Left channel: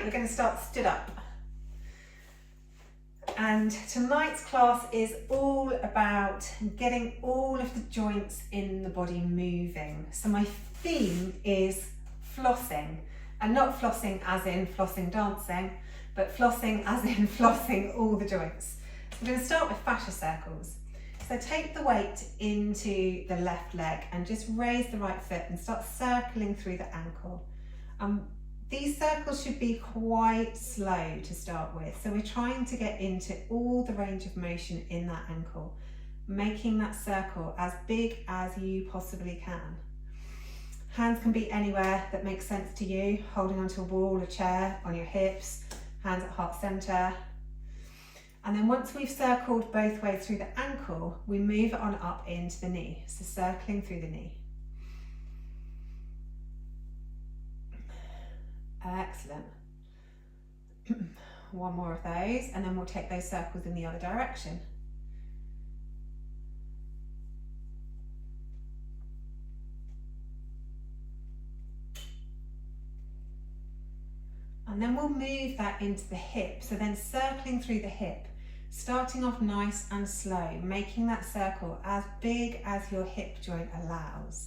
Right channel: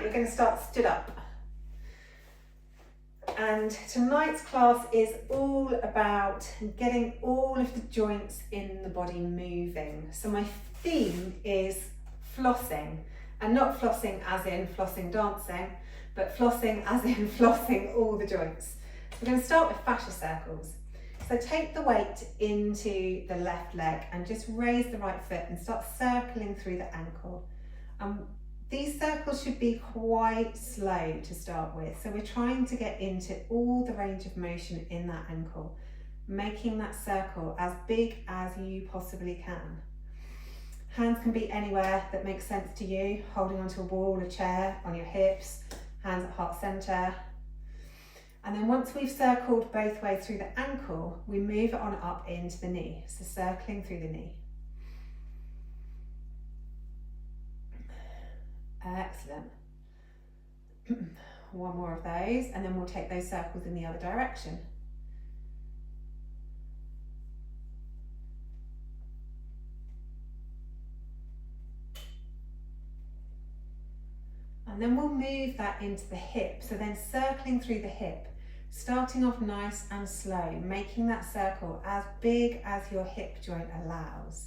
tonight we're going to start stood up. And tonight's class is all about getting all of the joints in the body moving. So my theme is flossing, and not flossing as in flossing dancing, but flossing as in flossing all the joints. So we're going to start with fascia circles. So take the weight into the left leg and just raise the right foot and start circling through the ankle. These circles should be quite slow to start with. So we're trying to get into all the range of motion in that ankle, making that circle as big as you possibly can. Hands can be anywhere that makes sense to you, holding onto a wall, a chair, on your hips, hands at heart center. And then once we've circled both ways through the ankle, we move it on up into the knee. So circling through the knee. Excellent. One more of those, and then we'll take those circles in the other direction. And then we'll move that into the hip. So then circling through the hip, starting off nice and slow, making that circle as big as your hip joint allows.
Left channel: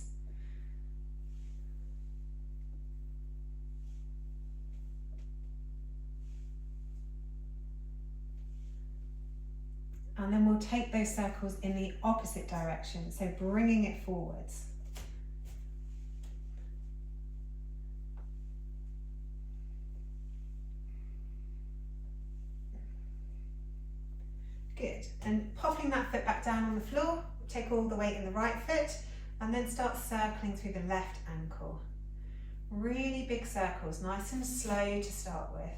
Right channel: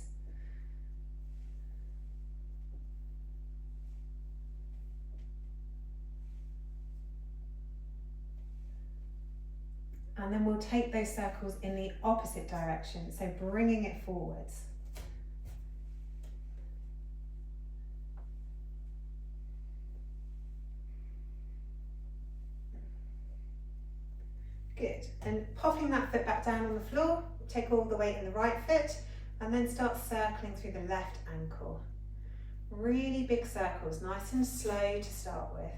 And then we'll take those circles in the opposite direction, so bringing it forwards. Good, and popping that foot back down on the floor, take all the weight in the right foot, and then start circling through the left ankle. Really big circles, nice and slow to start with.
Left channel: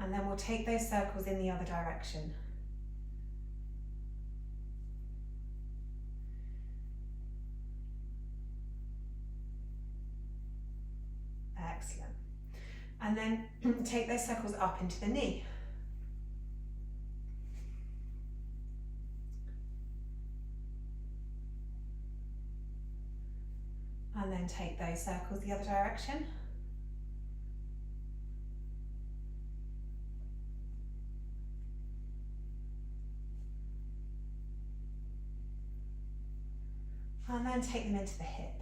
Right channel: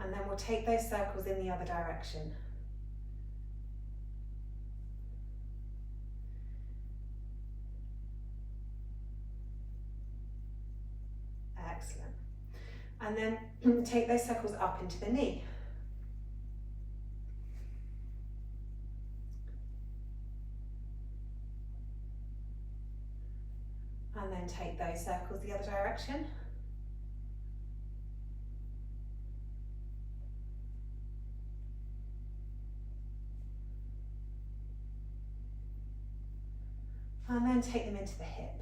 And then we'll take those circles in the other direction. Excellent. And then take those circles up into the knee. And then take those circles the other direction. And then take them into the hip.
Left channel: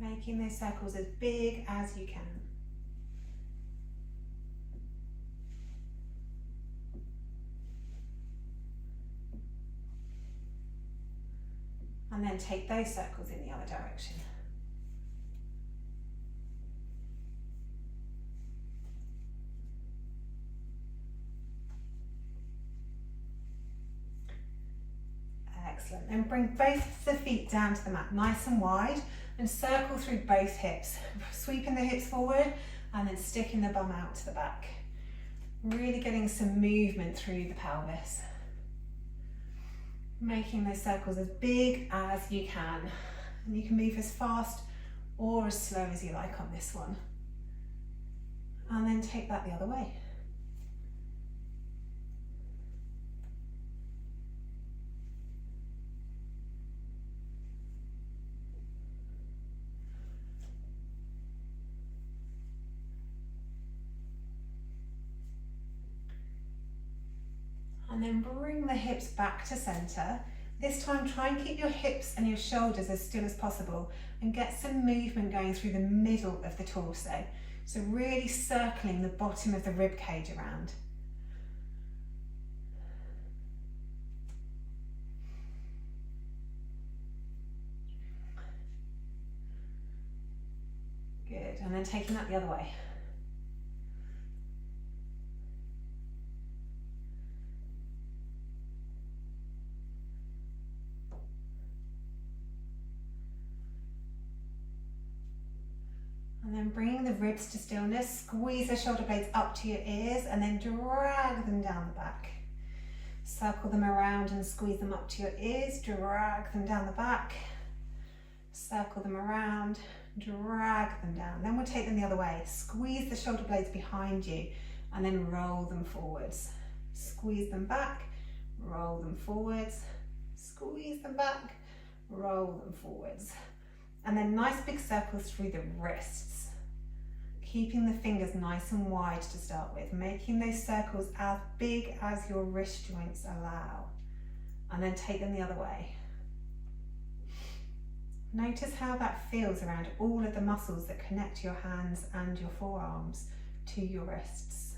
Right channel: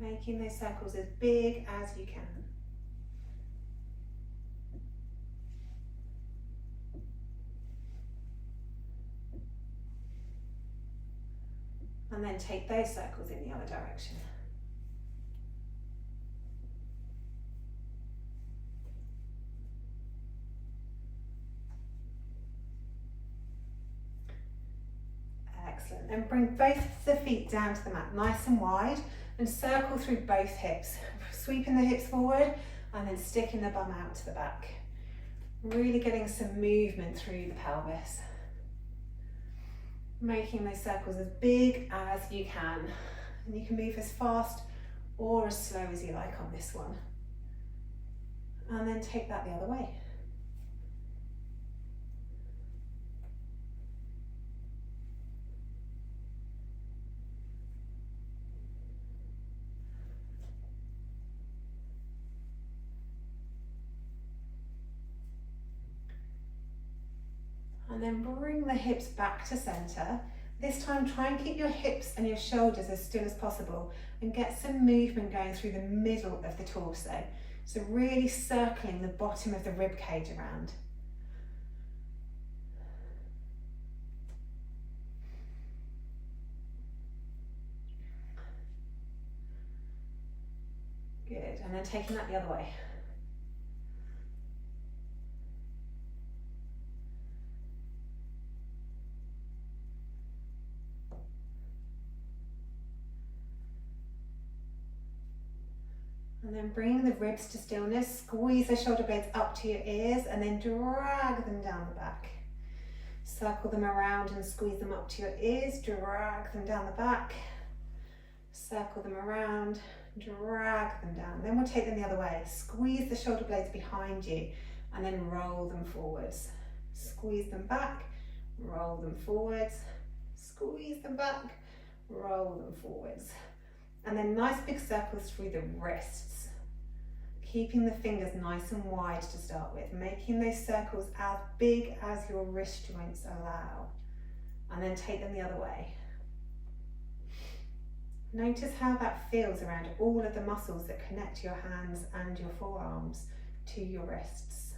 Making those circles as big as you can. And then take those circles in the other direction. Excellent. Then bring both the feet down to the mat, nice and wide, and circle through both hips. Sweeping the hips forward and then sticking the bum out to the back. Really getting some movement through the pelvis. Making those circles as big as you can. And you can move as fast or as slow as you like on this one. And then take that the other way. And then bring the hips back to center. This time try and keep your hips and your shoulders as still as possible and get some movement going through the middle of the torso. So really circling the bottom of the rib cage around. Good, and then taking that the other way. And then bring the ribs to stillness, squeeze the shoulder blades up to your ears and then drag them down the back. Circle them around and squeeze them up to your ears, drag them down the back. Circle them around, drag them down. Then we'll take them the other way. Squeeze the shoulder blades behind you and then roll them forwards. Squeeze them back, roll them forwards, squeeze them back, roll them forwards. And then nice big circles through the wrists. Keeping the fingers nice and wide to start with, making those circles as big as your wrist joints allow. And then take them the other way. Notice how that feels around all of the muscles that connect your hands and your forearms to your wrists.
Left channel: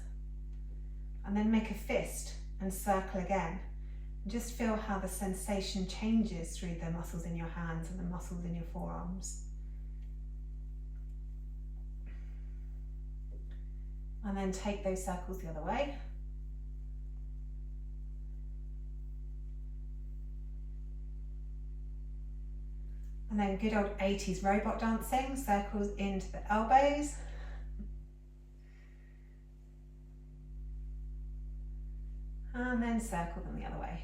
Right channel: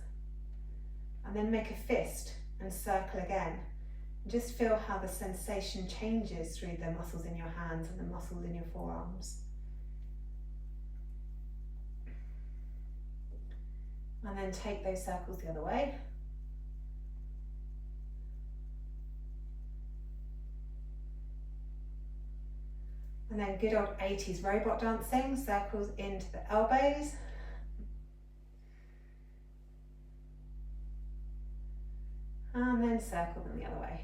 And then make a fist and circle again. Just feel how the sensation changes through the muscles in your hands and the muscles in your forearms. And then take those circles the other way. And then good old 80s robot dancing, circles into the elbows. And then circle them the other way.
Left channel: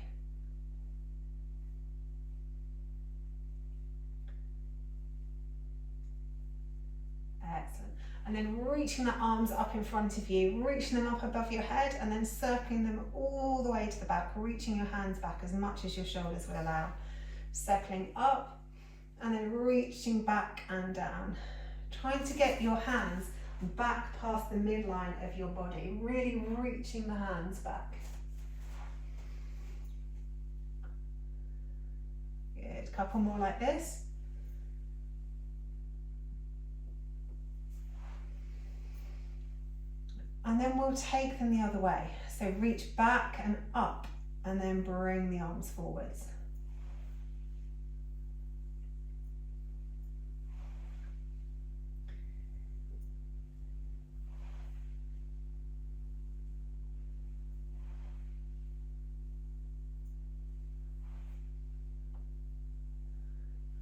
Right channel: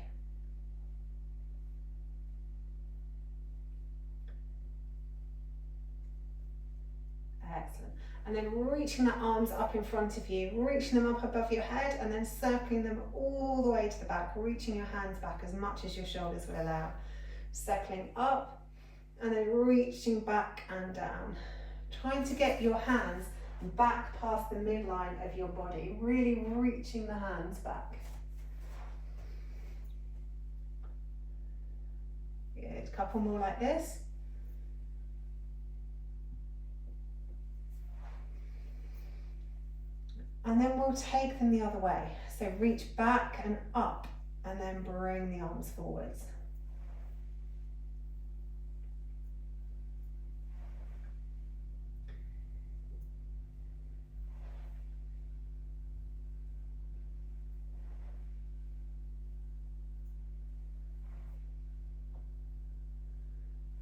Excellent. And then reaching the arms up in front of you, reaching them up above your head and then circling them all the way to the back, reaching your hands back as much as your shoulders will allow. Circling up and then reaching back and down. Trying to get your hands back past the midline of your body, really reaching the hands back. Good, a couple more like this. And then we'll take them the other way. So reach back and up and then bring the arms forwards.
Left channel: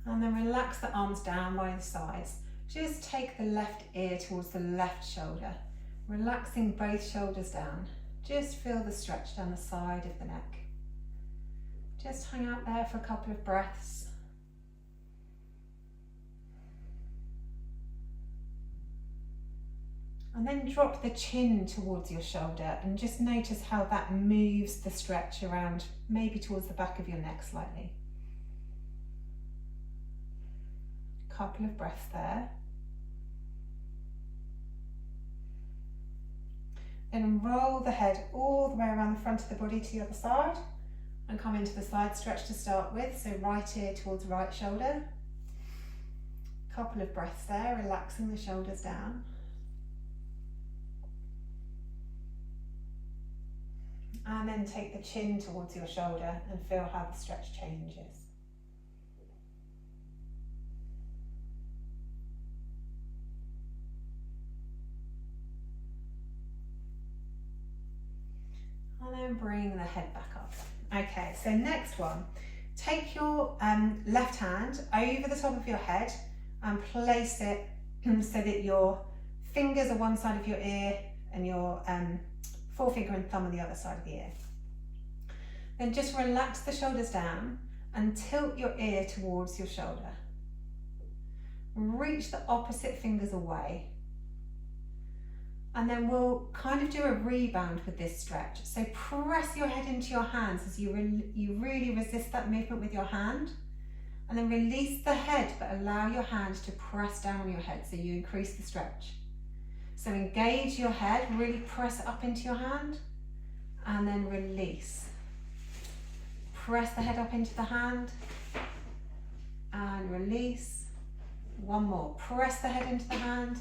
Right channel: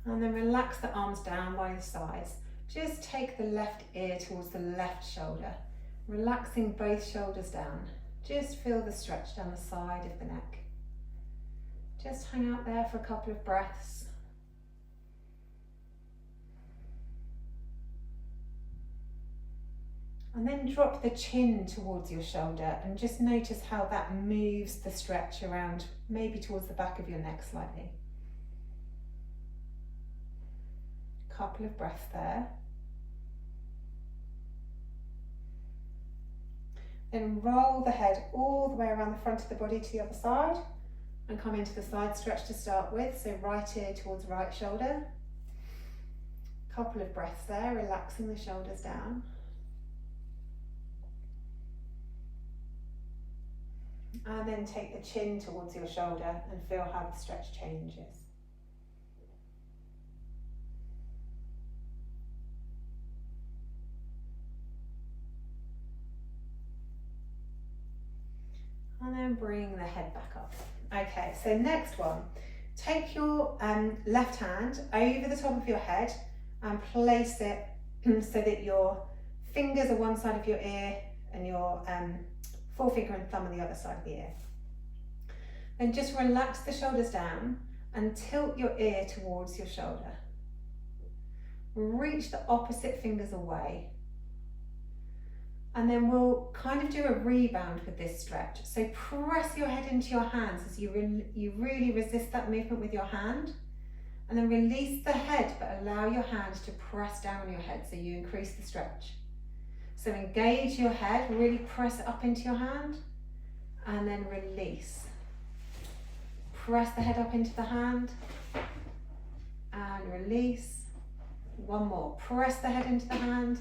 And then relax the arms down by the sides. Just take the left ear towards the left shoulder. Relaxing both shoulders down. Just feel the stretch down the side of the neck. Just hang out there for a couple of breaths. And then drop the chin towards your shoulder and just notice how that moves the stretch around, maybe towards the back of your neck slightly. Couple of breaths there. Then roll the head all the way around the front of the body to the other side and come into the side stretch to start with. So right ear towards right shoulder. Couple of breaths there, relaxing the shoulders down. And then take the chin towards your shoulder and feel how the stretch changes. And then bring the head back up. Okay, so next one. Take your left hand over the top of your head and place it so that your fingers are one side of your ear and your forefinger and thumb on the other side of the ear. Then just relax the shoulders down and tilt your ear towards your shoulder. Reach the opposite fingers away. And then we'll kind of do a rebound with this stretch. So press your head into your hands as you really resist that movement with your hand. And then release the head, but allow your hand to press down on your head so you increase the stretch. So engage your head, really press it up into your hand, and then release. Press the head up into the hand, and release. One more, press the head into the hand,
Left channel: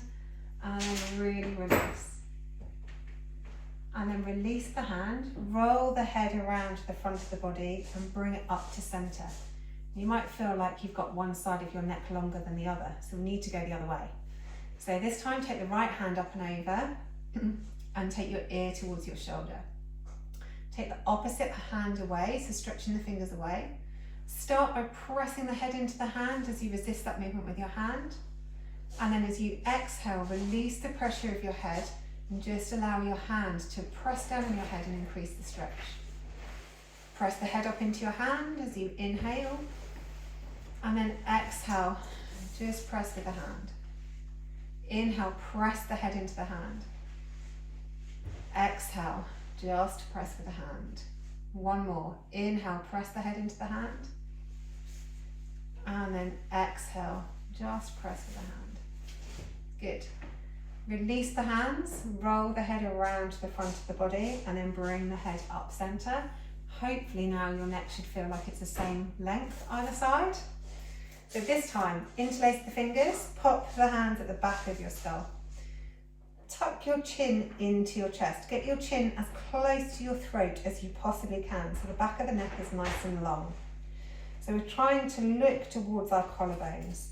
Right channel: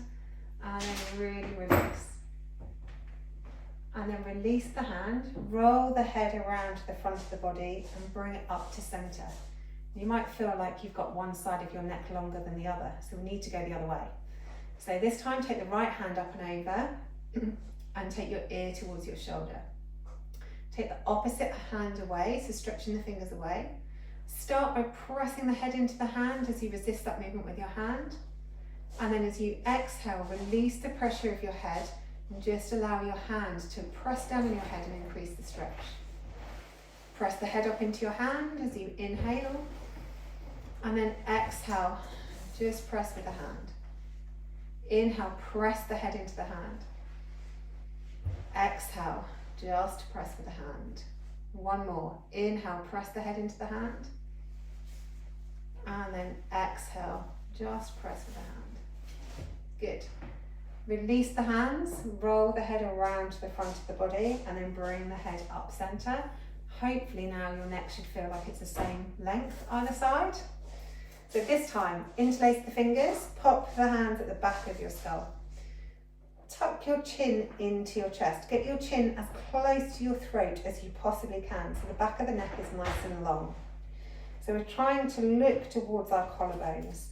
and then really release. And then release the hand, roll the head around the front of the body and bring it up to center. You might feel like you've got one side of your neck longer than the other, so we need to go the other way. So this time take the right hand up and over and take your ear towards your shoulder. Take the opposite hand away, so stretching the fingers away. Start by pressing the head into the hand as you resist that movement with your hand. And then as you exhale, release the pressure of your head and just allow your hand to press down on your head and increase the stretch. Press the head up into your hand as you inhale, and then exhale, just press with the hand. Inhale, press the head into the hand. Exhale, just press with the hand. One more. Inhale, press the head into the hand. And then exhale, just press with the hand. Good. Release the hands, roll the head around to the front of the body, and then bring the head up center. Hopefully now your neck should feel like it's the same length either side. So this time, interlace the fingers, pop the hands at the back of your skull. Tuck your chin into your chest. Get your chin as close to your throat as you possibly can, so the back of the neck is nice and long. So we're trying to look towards our collarbones.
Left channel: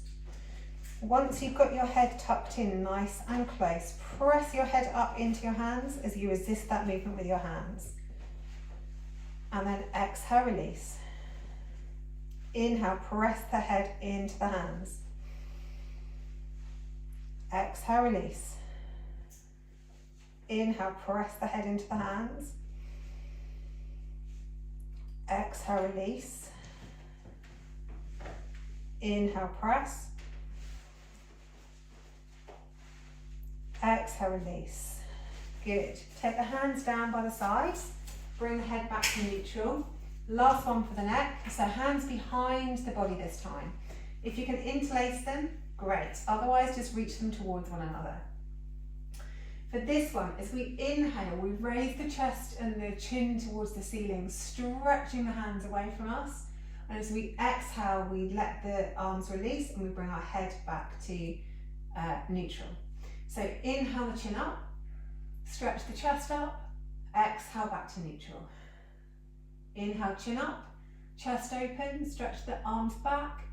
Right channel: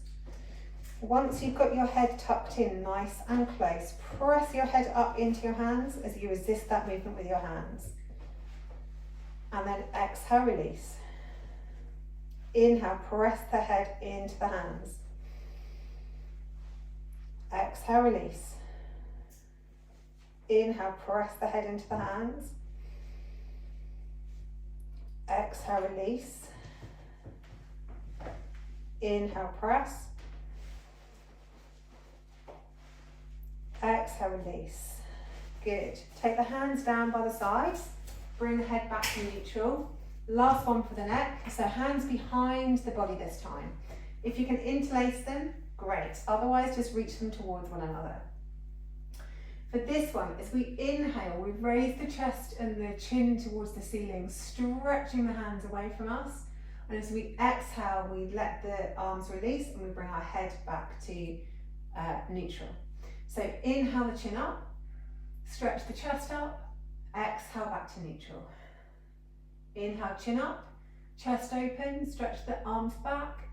Once you've got your head tucked in nice and close, press your head up into your hands as you resist that movement with your hands. And then exhale, release. Inhale, press the head into the hands. Exhale, release. Inhale, press the head into the hands. Exhale, release. Inhale, press. Exhale, release. Good. Take the hands down by the sides. Bring the head back to neutral. Last one for the neck. So hands behind the body this time. If you can interlace them, great. Otherwise, just reach them towards one another. For this one, as we inhale, we raise the chest and the chin towards the ceiling, stretching the hands away from us. And as we exhale, we let the arms release and we bring our head back to neutral. So inhale the chin up, stretch the chest up, exhale back to neutral. Inhale, chin up, chest open, stretch the arms back,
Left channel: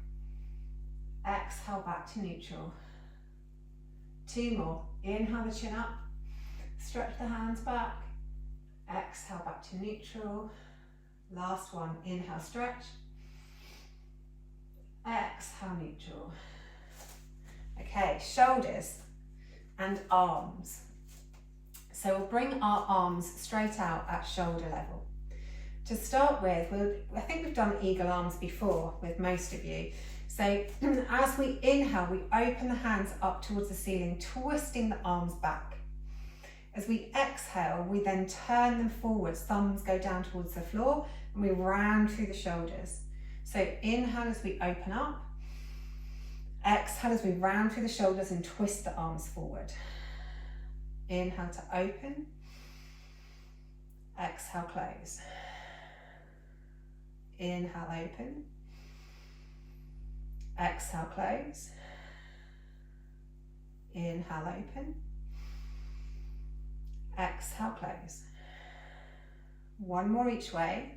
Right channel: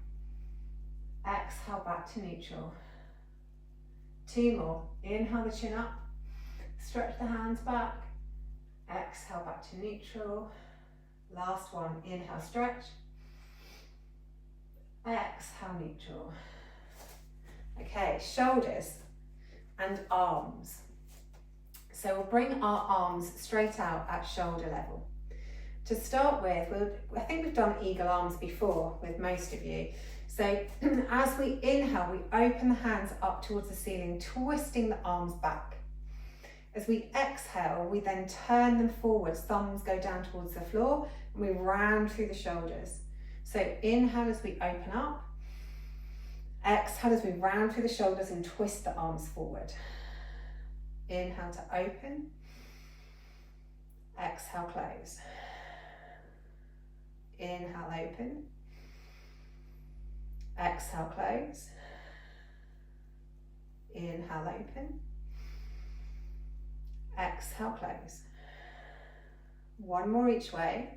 exhale back to neutral. Two more. Inhale the chin up, stretch the hands back, exhale back to neutral. Last one. Inhale, stretch, exhale, neutral. Okay, shoulders and arms. So we'll bring our arms straight out at shoulder level. To start with, I think we've done eagle arms before with most of you. So as we inhale, we open the hands up towards the ceiling, twisting the arms back. As we exhale, we then turn them forwards, thumbs go down towards the floor, and we round through the shoulders. So inhale as we open up, exhale as we round through the shoulders and twist the arms forward. Inhale to open, exhale, close. Inhale, open, exhale, close. Inhale, open, exhale, close. One more each way.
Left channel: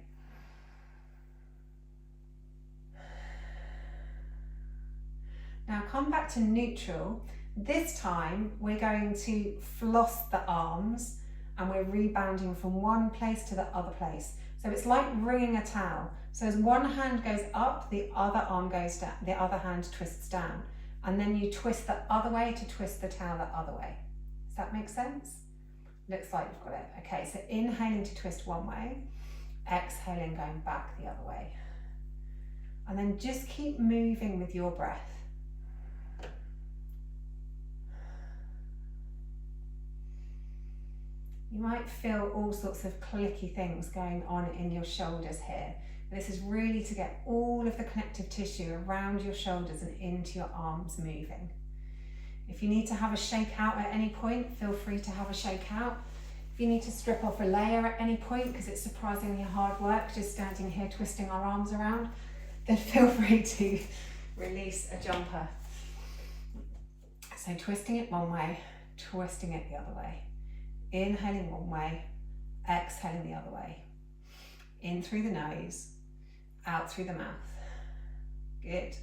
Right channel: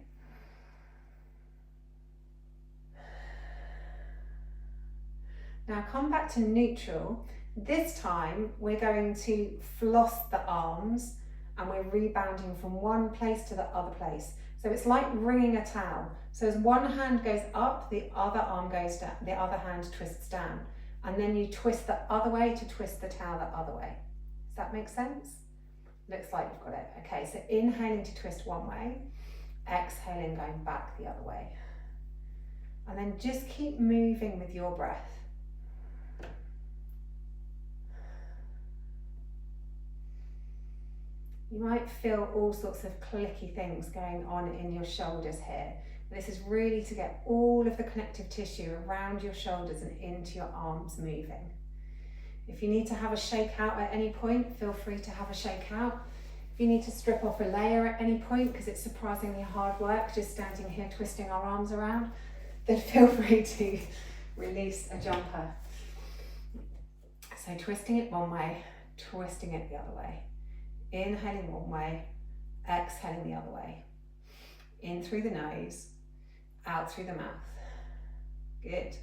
Now come back to neutral. This time we're going to floss the arms and we're rebounding from one place to the other place. So it's like wringing a towel. So as one hand goes up, the other arm goes down, the other hand twists down. And then you twist the other way to twist the towel the other way. Does that make sense? Looks like you've got it. Okay, so inhaling to twist one way, exhaling going back the other way. And then just keep moving with your breath. You might feel all sorts of clicky things going on in your shoulders here. This is really to get all of the connective tissue around your shoulders and into your arms moving. If you need to have a shake out at any point, feel free to have a shake out. If you need to strip off a layer at any point, because it's surprisingly hard work just standing here twisting our arms around, then feel free to release a jumper. So twisting it one way, twisting it the other way. Inhaling one way, exhaling the other way. In through the nose, out through the mouth. Good.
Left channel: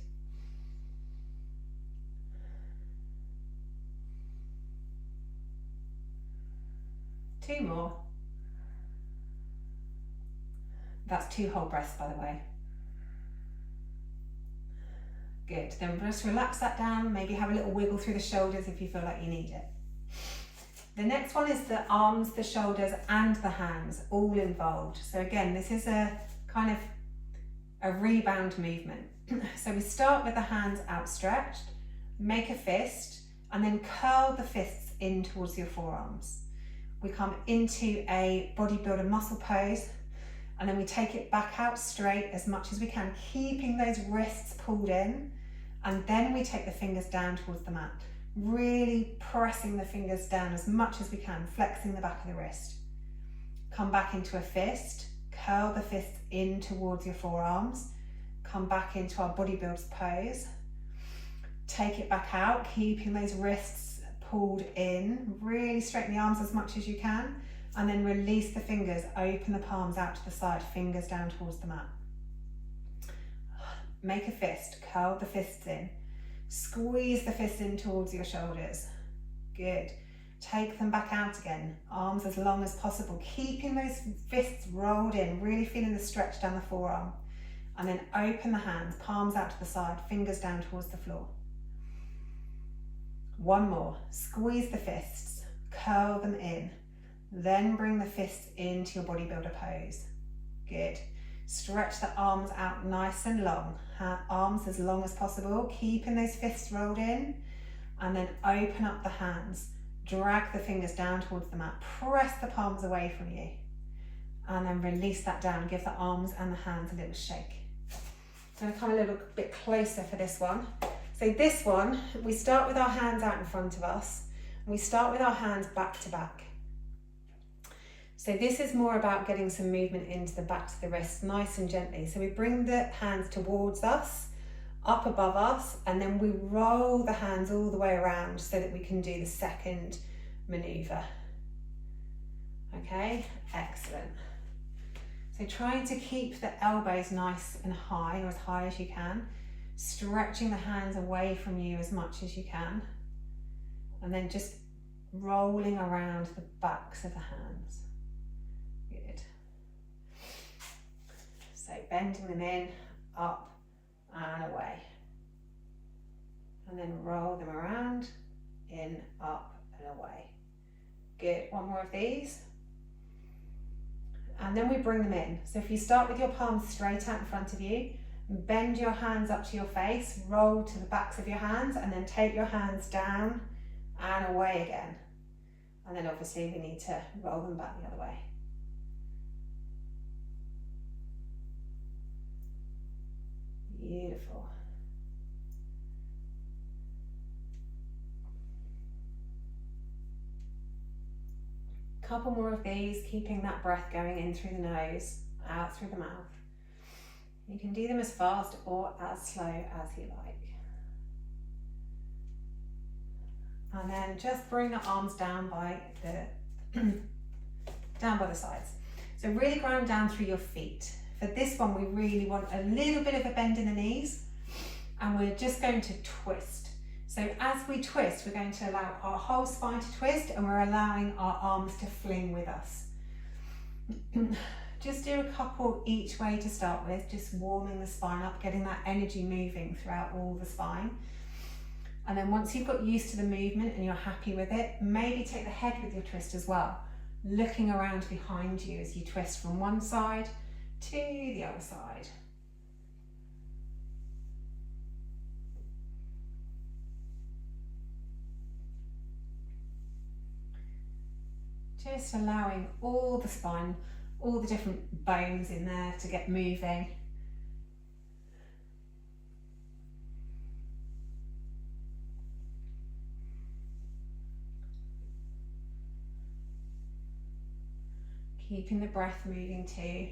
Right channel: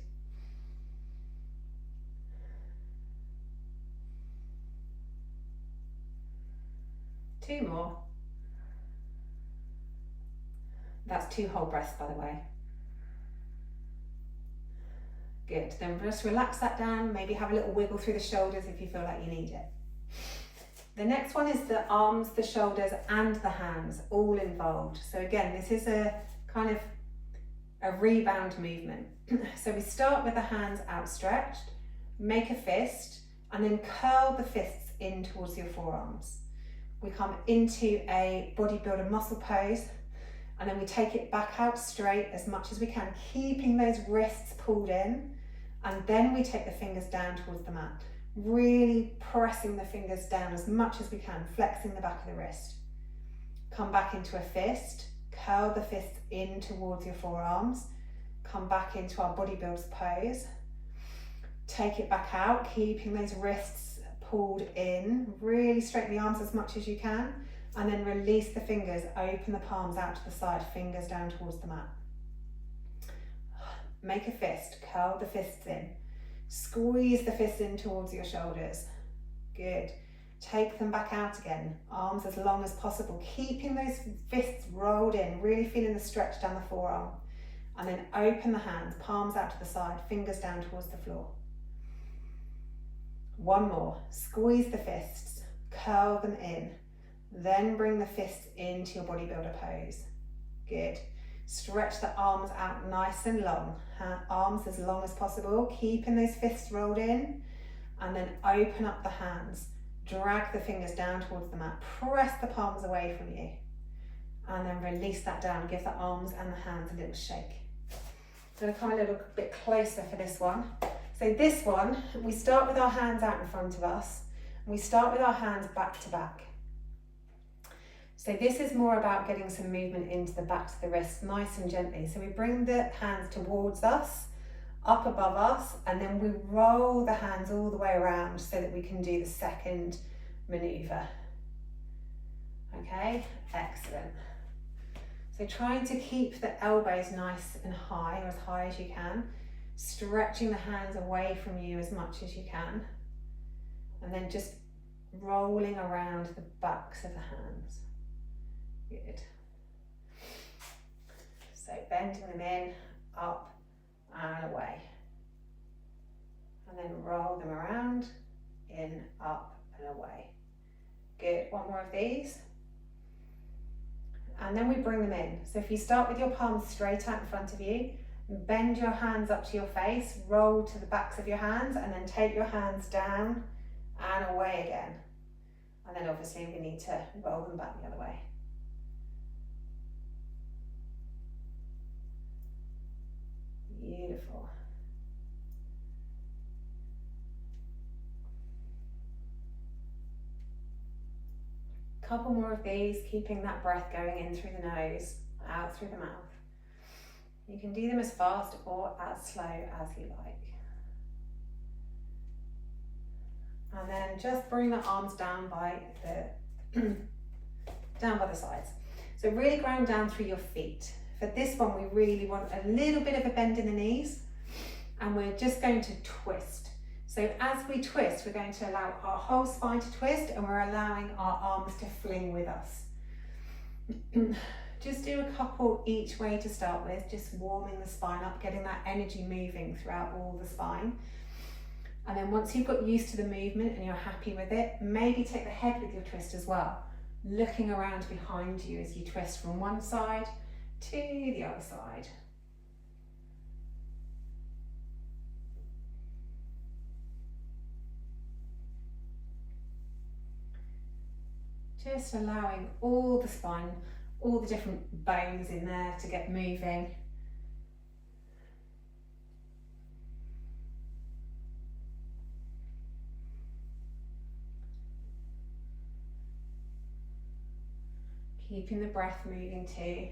Two more. That's 2 whole breaths, by the way. Good. Then just relax that down. Maybe have a little wiggle through the shoulders if you feel like you need it. The next one is the arms, the shoulders, and the hands, all involved. So again, this is a kind of a rebound movement. So we start with the hands outstretched, make a fist, and then curl the fists in towards your forearms. We come into a bodybuilder muscle pose, and then we take it back out straight as much as we can, keeping those wrists pulled in, and then we take the fingers down towards the mat, really pressing the fingers down as much as we can, flexing the back of the wrist. Come back into a fist, curl the fists in towards your forearms, come back into our bodybuilder's pose, take it back out, keeping those wrists pulled in, really straighten the arms as much as you can, and then release the fingers, open the palms out to the side, fingers down towards the mat. Make a fist, curl the fists in, squeeze the fists in towards your shoulders. Good. Take them back out again, arms as long as possible, keeping those fists rolled in, really feeling the stretch down the forearm. And then open the hands, palms out to the side, fingers down towards the floor. One more, squeeze the fists, curl them in, then bring the fists into your bodybuilder pose. Good. Stretch the arms out nice and long, arms as long as possible, keeping those fists rolled in, and then open up the hands, drag the fingers down towards the mat, press the palms away from you, and then release that down, give the arms and the hands a little shake. I'm going to come a little bit closer for this one. So this one, we start with our hands out in front of us, and we start with our hands back to back. So this is more about getting some movement into the backs of the wrists, nice and gently. So we bring the hands towards us, up above us, and then we roll the hands all the way around so that we can do the second maneuver. Okay, excellent. So trying to keep the elbows nice and high, or as high as you can, stretching the hands away from you as much as you can, and then just rolling around the backs of the hands. Good. So bending them in, up and away. And then roll them around, in, up and away. Good, one more of these. And then we bring them in. So if you start with your palms straight out in front of you, bend your hands up to your face, roll to the backs of your hands, and then take your hands down and away again. And then obviously we need to roll them back the other way. Beautiful. Couple more of these, keeping that breath going in through the nose, out through the mouth. You can do them as fast or as slow as you like. And then just bring the arms down by the sides. So really ground down through your feet. For this one, we really want a little bit of a bend in the knees, and we're just going to twist. So as we twist, we're going to allow our whole spine to twist, and we're allowing our arms to fling with us. Just do a couple each way to start with, just warming the spine up, getting that energy moving throughout all the spine. And then once you've got used to the movement and you're happy with it, maybe take the head with your twist as well, looking around behind you as you twist from one side to the other side. Just allowing all the spine, all the different bones in there to get moving. Keeping the breath moving too.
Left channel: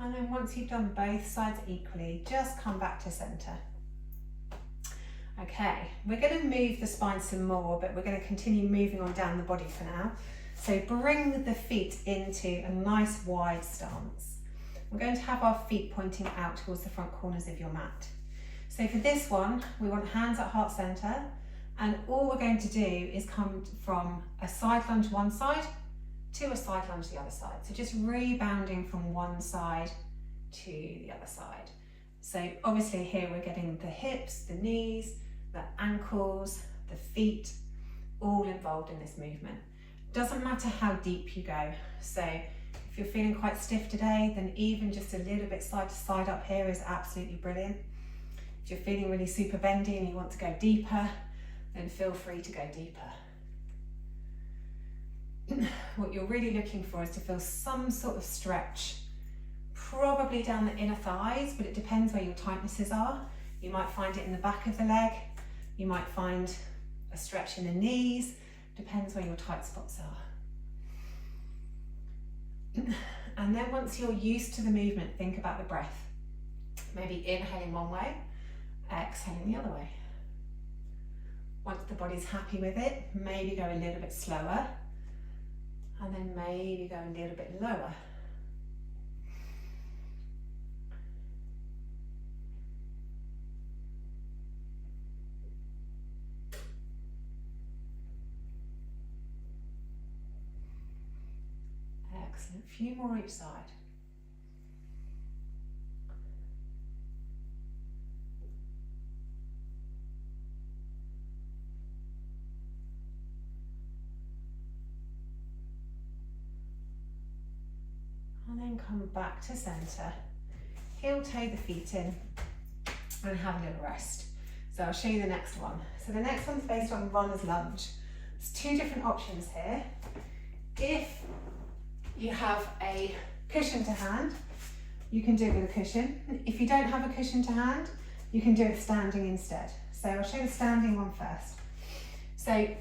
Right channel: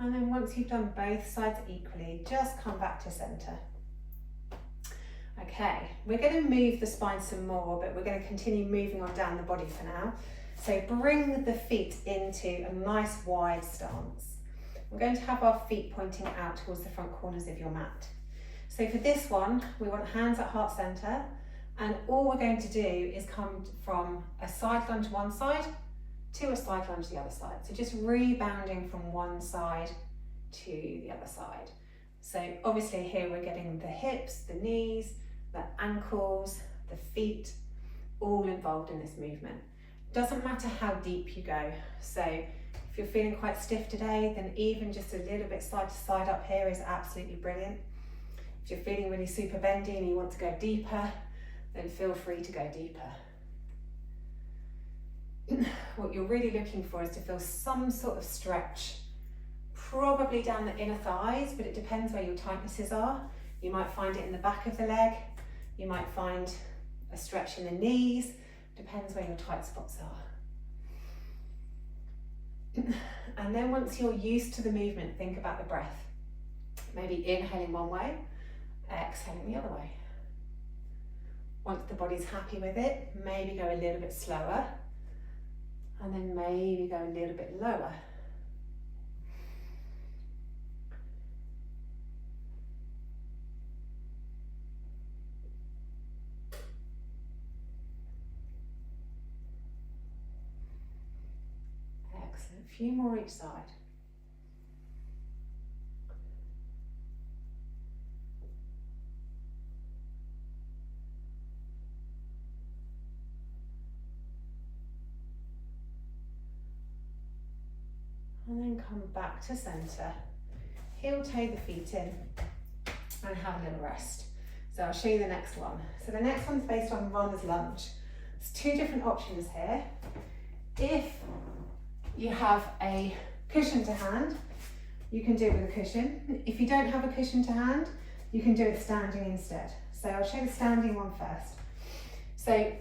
And then once you've done both sides equally, just come back to center. Okay, we're going to move the spine some more, but we're going to continue moving on down the body for now. So bring the feet into a nice wide stance. We're going to have our feet pointing out towards the front corners of your mat. So for this one, we want hands at heart center, and all we're going to do is come from a side lunge one side to a side lunge the other side. So just rebounding from one side to the other side. So obviously here we're getting the hips, the knees, the ankles, the feet, all involved in this movement. Doesn't matter how deep you go. So if you're feeling quite stiff today, then even just a little bit side to side up here is absolutely brilliant. If you're feeling really super bendy and you want to go deeper, then feel free to go deeper. What you're really looking for is to feel some sort of stretch, probably down the inner thighs, but it depends where your tightnesses are. You might find it in the back of the leg, you might find a stretch in the knees, depends where your tight spots are. And then once you're used to the movement, think about the breath. Maybe inhaling one way, exhaling the other way. Once the body's happy with it, maybe go a little bit slower, and then maybe go a little bit lower. Excellent, a few more each side. And then come back to centre, heel toe the feet in and have a little rest. So I'll show you the next one. So the next one's based on runner's lunge. There's two different options here. If you have a cushion to hand, you can do it with a cushion. If you don't have a cushion to hand, you can do it standing instead. So I'll show you the standing one first. So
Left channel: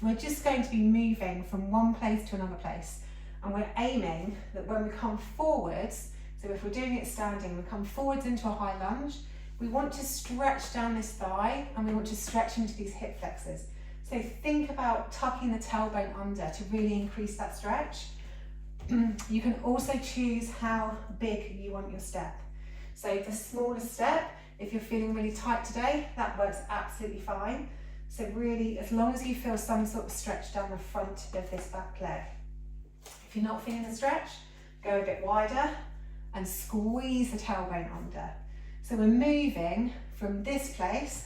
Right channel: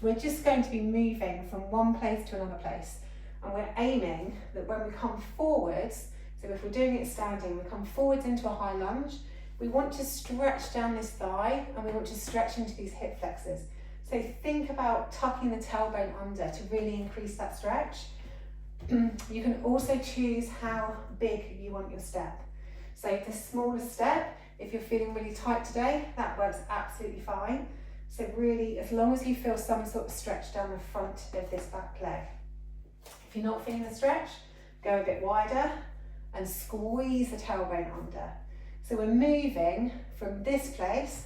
we're just going to be moving from one place to another place. And we're aiming that when we come forwards, so if we're doing it standing, we come forwards into a high lunge, we want to stretch down this thigh and we want to stretch into these hip flexors. So think about tucking the tailbone under to really increase that stretch. You can also choose how big you want your step. So the smaller step, if you're feeling really tight today, that works absolutely fine. So really, as long as you feel some sort of stretch down the front of this back leg. If you're not feeling the stretch, go a bit wider and squeeze the tailbone under. So we're moving from this place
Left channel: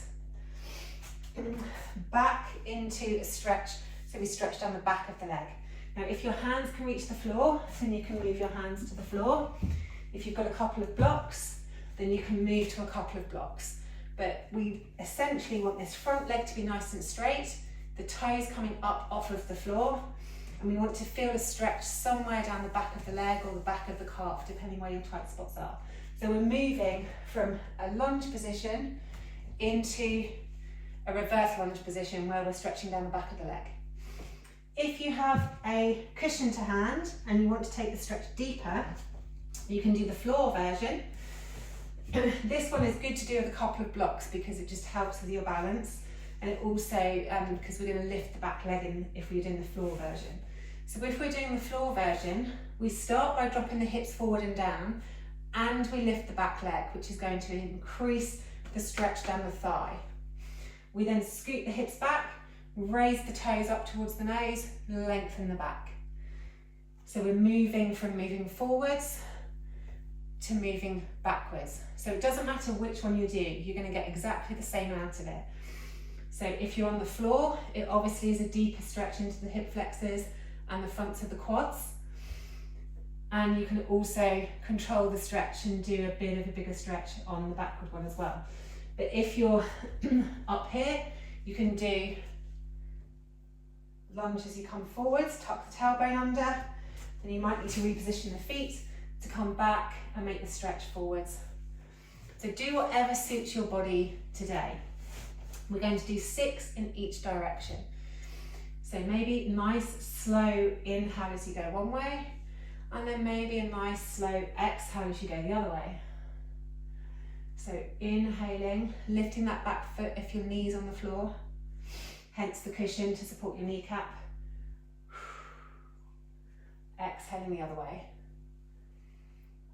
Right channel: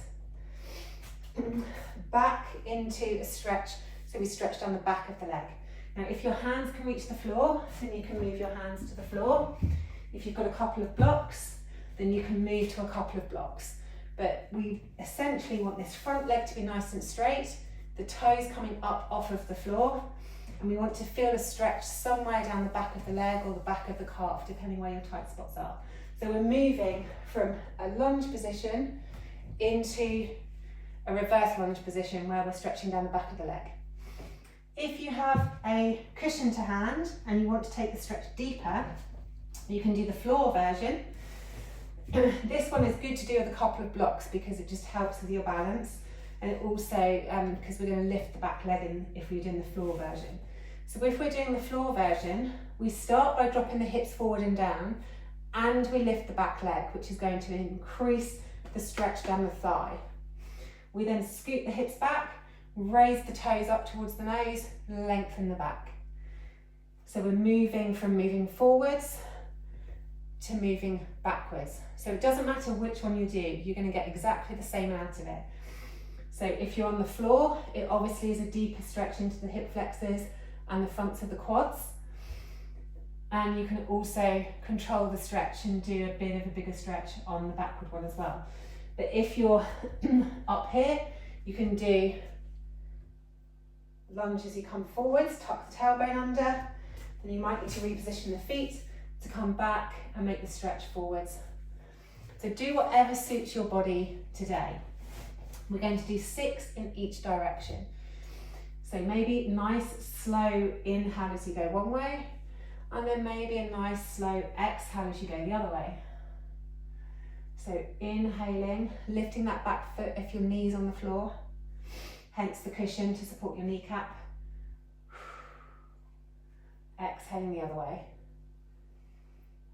back into a stretch, so we stretch down the back of the leg. Now if your hands can reach the floor, then you can move your hands to the floor. If you've got a couple of blocks, then you can move to a couple of blocks. But we essentially want this front leg to be nice and straight, the toes coming up off of the floor, and we want to feel a stretch somewhere down the back of the leg or the back of the calf, depending where your tight spots are. So we're moving from a lunge position into a reverse lunge position where we're stretching down the back of the leg. If you have a cushion to hand and you want to take the stretch deeper, you can do the floor version. This one is good to do with a couple of blocks because it just helps with your balance, and it also, because we're going to lift the back leg in if we're doing the floor version. So if we're doing the floor version, we start by dropping the hips forward and down, and we lift the back leg, which is going to increase the stretch down the thigh. We then scoot the hips back, raise the toes up towards the nose, lengthen the back. So we're moving from moving forwards to moving backwards. So it doesn't matter which one you do, you're going to get exactly the same out of it. So if you're on the floor, it obviously is a deeper stretch into the hip flexors and the fronts of the quads. And you can also control the stretch and do a bit of a bigger stretch on the backward one as well. But if you're up here, you can do lunge as you come forwards, tuck the tailbone under, then you might need to reposition the feet to come back and make the stretch forwards. So do whatever suits your body today. We're going to do 6 in each direction. So maybe nice slow inhale as you go one way, and then maybe a nice slow exhale as you go the other way. So inhaling, lifting that back foot if your knee's on the floor, hence the cushion to support your kneecap. Exhaling the other way.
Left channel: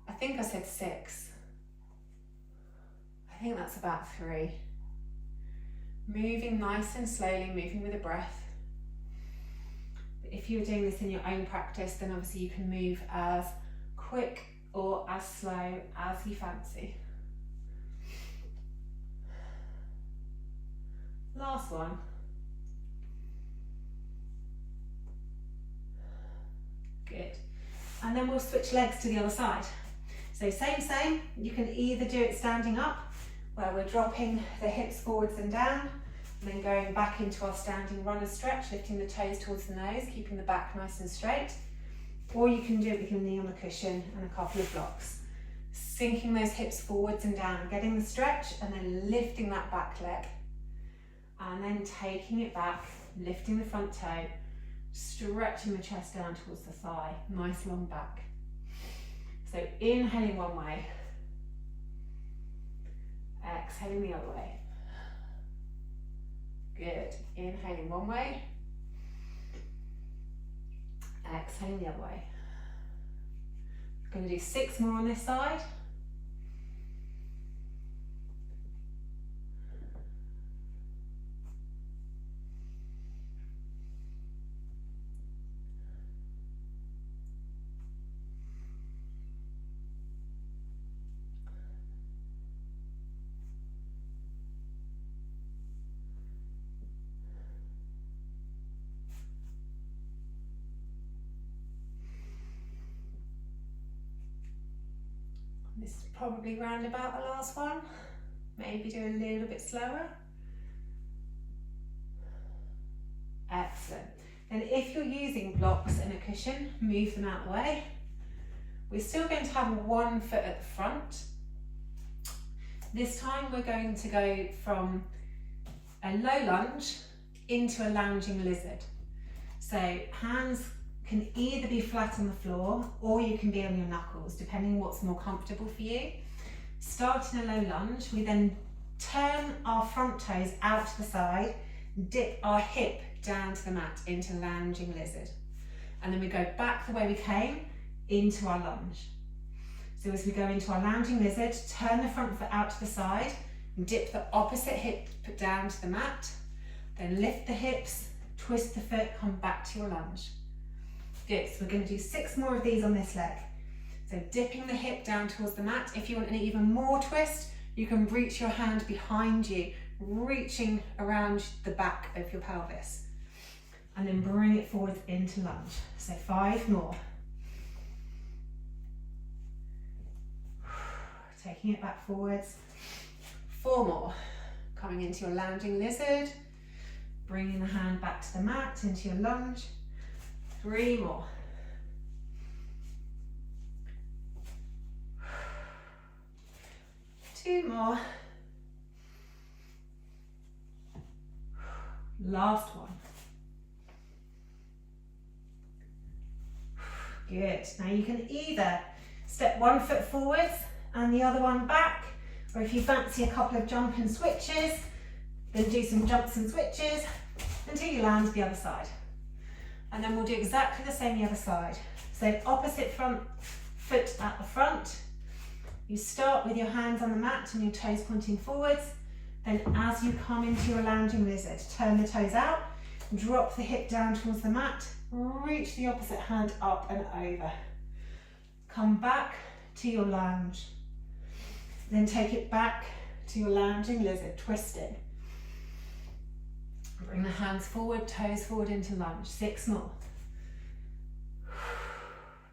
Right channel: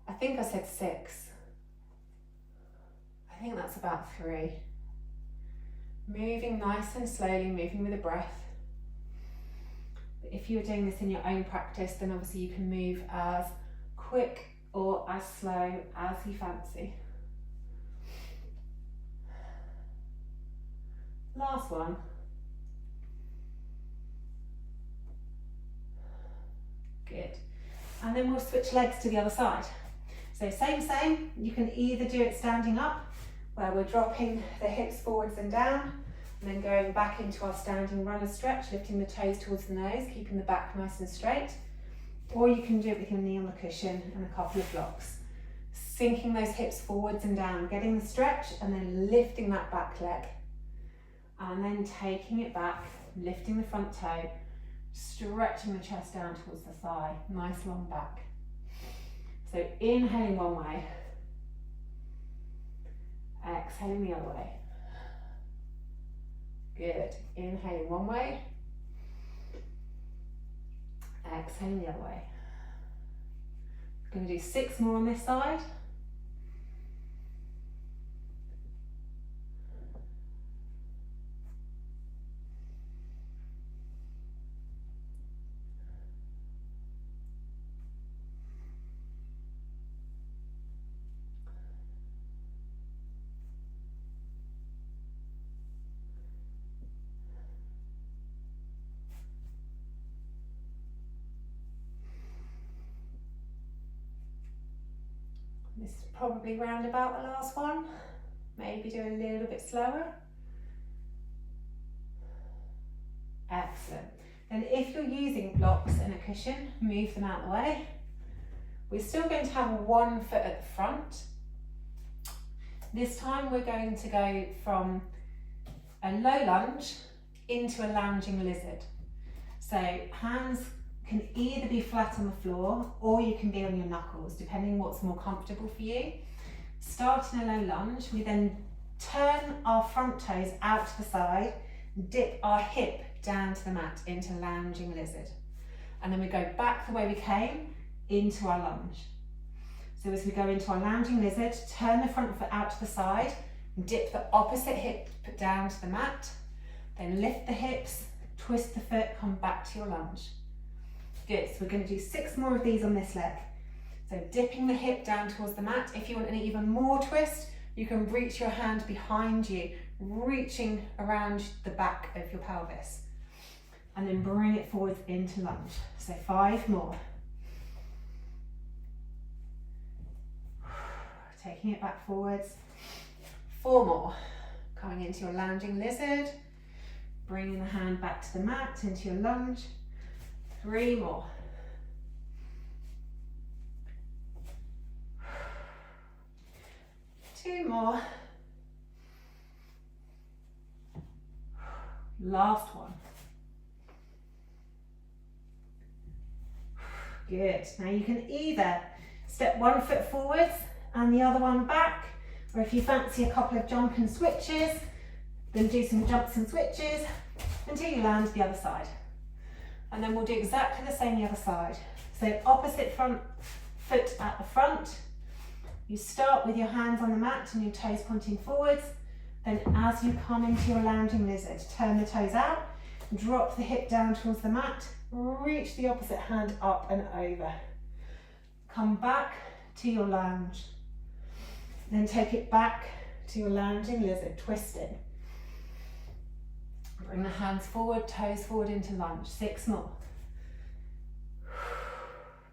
I think I said 6. I think that's about 3. Moving nice and slowly, moving with a breath. But if you're doing this in your own practice, then obviously you can move as quick or as slow as you fancy. Last one. Good. And then we'll switch legs to the other side. So same, you can either do it standing up, where we're dropping the hips forwards and down, and then going back into our standing runner stretch, lifting the toes towards the nose, keeping the back nice and straight. Or you can do it with your knee on the cushion and a couple of blocks. Sinking those hips forwards and down, getting the stretch, and then lifting that back leg. And then taking it back, lifting the front toe, stretching the chest down towards the thigh, nice long back. So inhaling one way, exhaling the other way. Good. Inhaling one way, exhaling the other way. We're going to do 6 more on this side. This is probably round about the last one. Maybe do a little bit slower. Excellent. And if you're using blocks and a cushion, move them out of the way. We're still going to have one foot at the front. This time we're going to go from a low lunge into a lounging lizard. So hands can either be flat on the floor or you can be on your knuckles, depending what's more comfortable for you. Start in a low lunge, we then turn our front toes out to the side, dip our hip down to the mat into lounging lizard. And then we go back the way we came into our lunge. So as we go into our lounging lizard, turn the front foot out to the side, and dip the opposite hip down to the mat, then lift the hips, twist the foot, come back to your lunge. Good, so we're going to do 6 more of these on this leg. So dipping the hip down towards the mat. If you want an even more twist, you can reach your hand behind you, reaching around the back of your pelvis. And then bring it forwards into lunge. So 5 more. Taking it back forwards. 4 more. Coming into your lounging lizard. Bringing the hand back to the mat, into your lunge. 3 more. 2 more. Last one. Good. Now you can either step 1 foot forwards and the other one back, or if you fancy a couple of jump and switches, then do some jumps and switches until you land the other side. And then we'll do exactly the same the other side. So opposite front foot at the front. You start with your hands on the mat and your toes pointing forwards. Then as you come into your lounging lizard, turn the toes out, drop the hip down towards the mat, reach the opposite hand up and over. Come back to your lunge. Then take it back to your lounging lizard, twisting. Bring the hands forward, toes forward into lunge. 6 more.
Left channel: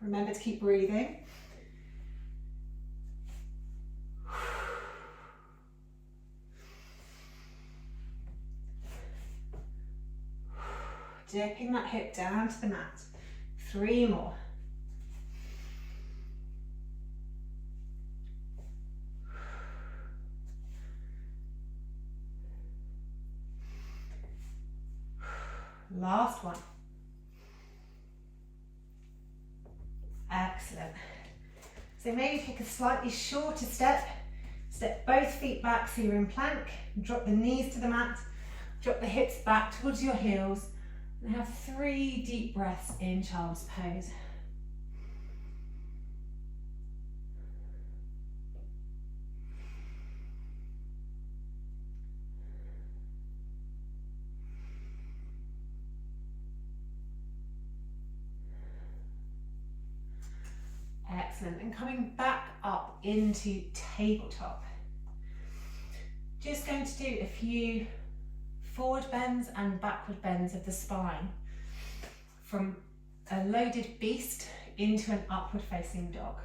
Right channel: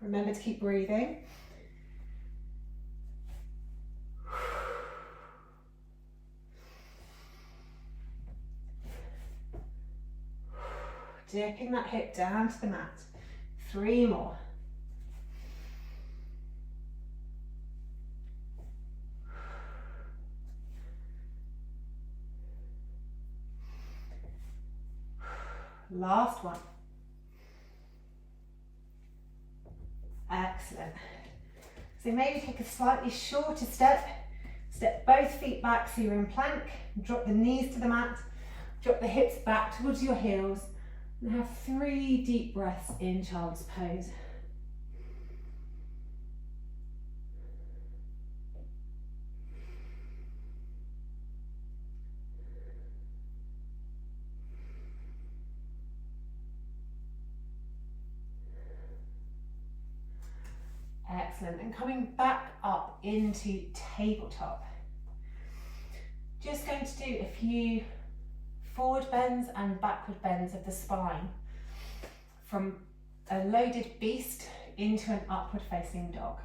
Remember to keep breathing. Dipping that hip down to the mat. 3 more. Last one. Excellent. So maybe take a slightly shorter step. Step both feet back so you're in plank. Drop the knees to the mat. Drop the hips back towards your heels. And have 3 deep breaths in child's pose. Excellent. And coming back up into tabletop. Just going to do a few forward bends and backward bends of the spine from a loaded beast into an upward facing dog.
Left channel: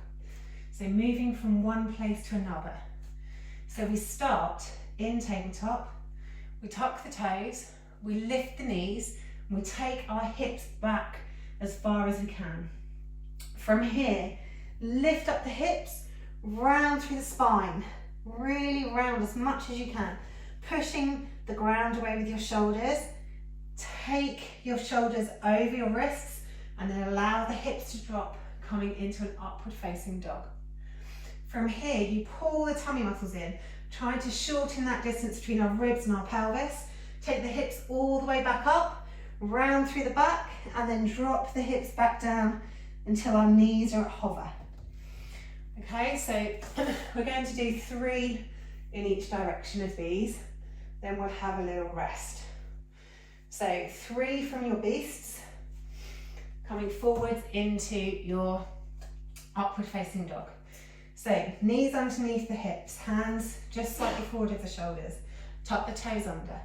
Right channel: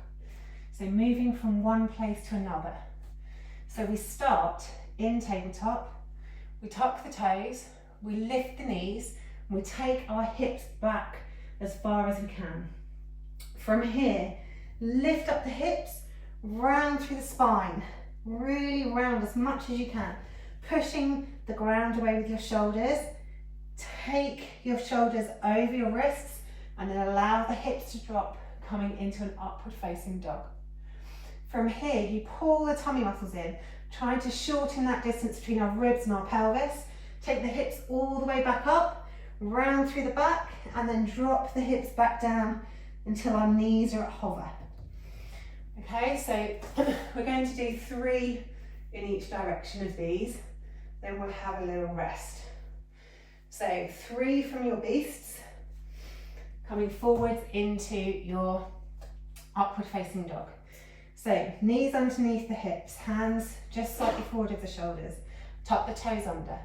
So moving from one place to another. So we start in tabletop, we tuck the toes, we lift the knees, and we take our hips back as far as we can. From here, lift up the hips, round through the spine, really round as much as you can, pushing the ground away with your shoulders. Take your shoulders over your wrists and then allow the hips to drop, coming into an upward facing dog. From here, you pull the tummy muscles in, trying to shorten that distance between our ribs and our pelvis. Take the hips all the way back up, round through the back, and then drop the hips back down until our knees are at hover. Okay, so we're going to do 3 in each direction of these, then we'll have a little rest. So 3 from your beasts, coming forwards into your upward facing dog. So knees underneath the hips, hands just slightly forward of the shoulders, tuck the toes under,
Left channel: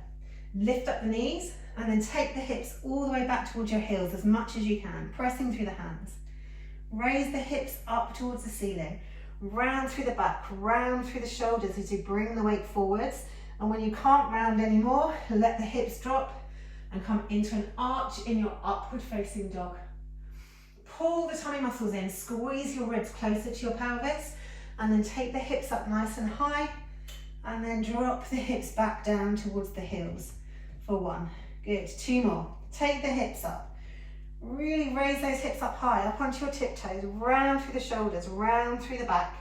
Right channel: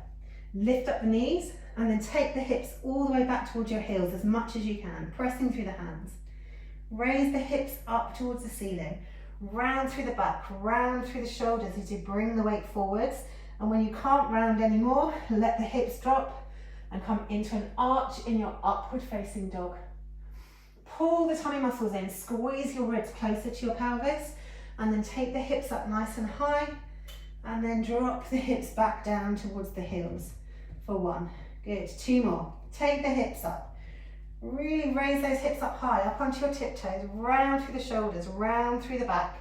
lift up the knees, and then take the hips all the way back towards your heels as much as you can, pressing through the hands. Raise the hips up towards the ceiling, round through the back, round through the shoulders as you bring the weight forwards. And when you can't round anymore, let the hips drop and come into an arch in your upward facing dog. Pull the tummy muscles in, squeeze your ribs closer to your pelvis, and then take the hips up nice and high, and then drop the hips back down towards the heels for 1. Good, 2 more. Take the hips up. Really raise those hips up high, up onto your tiptoes, round through the shoulders, round through the back.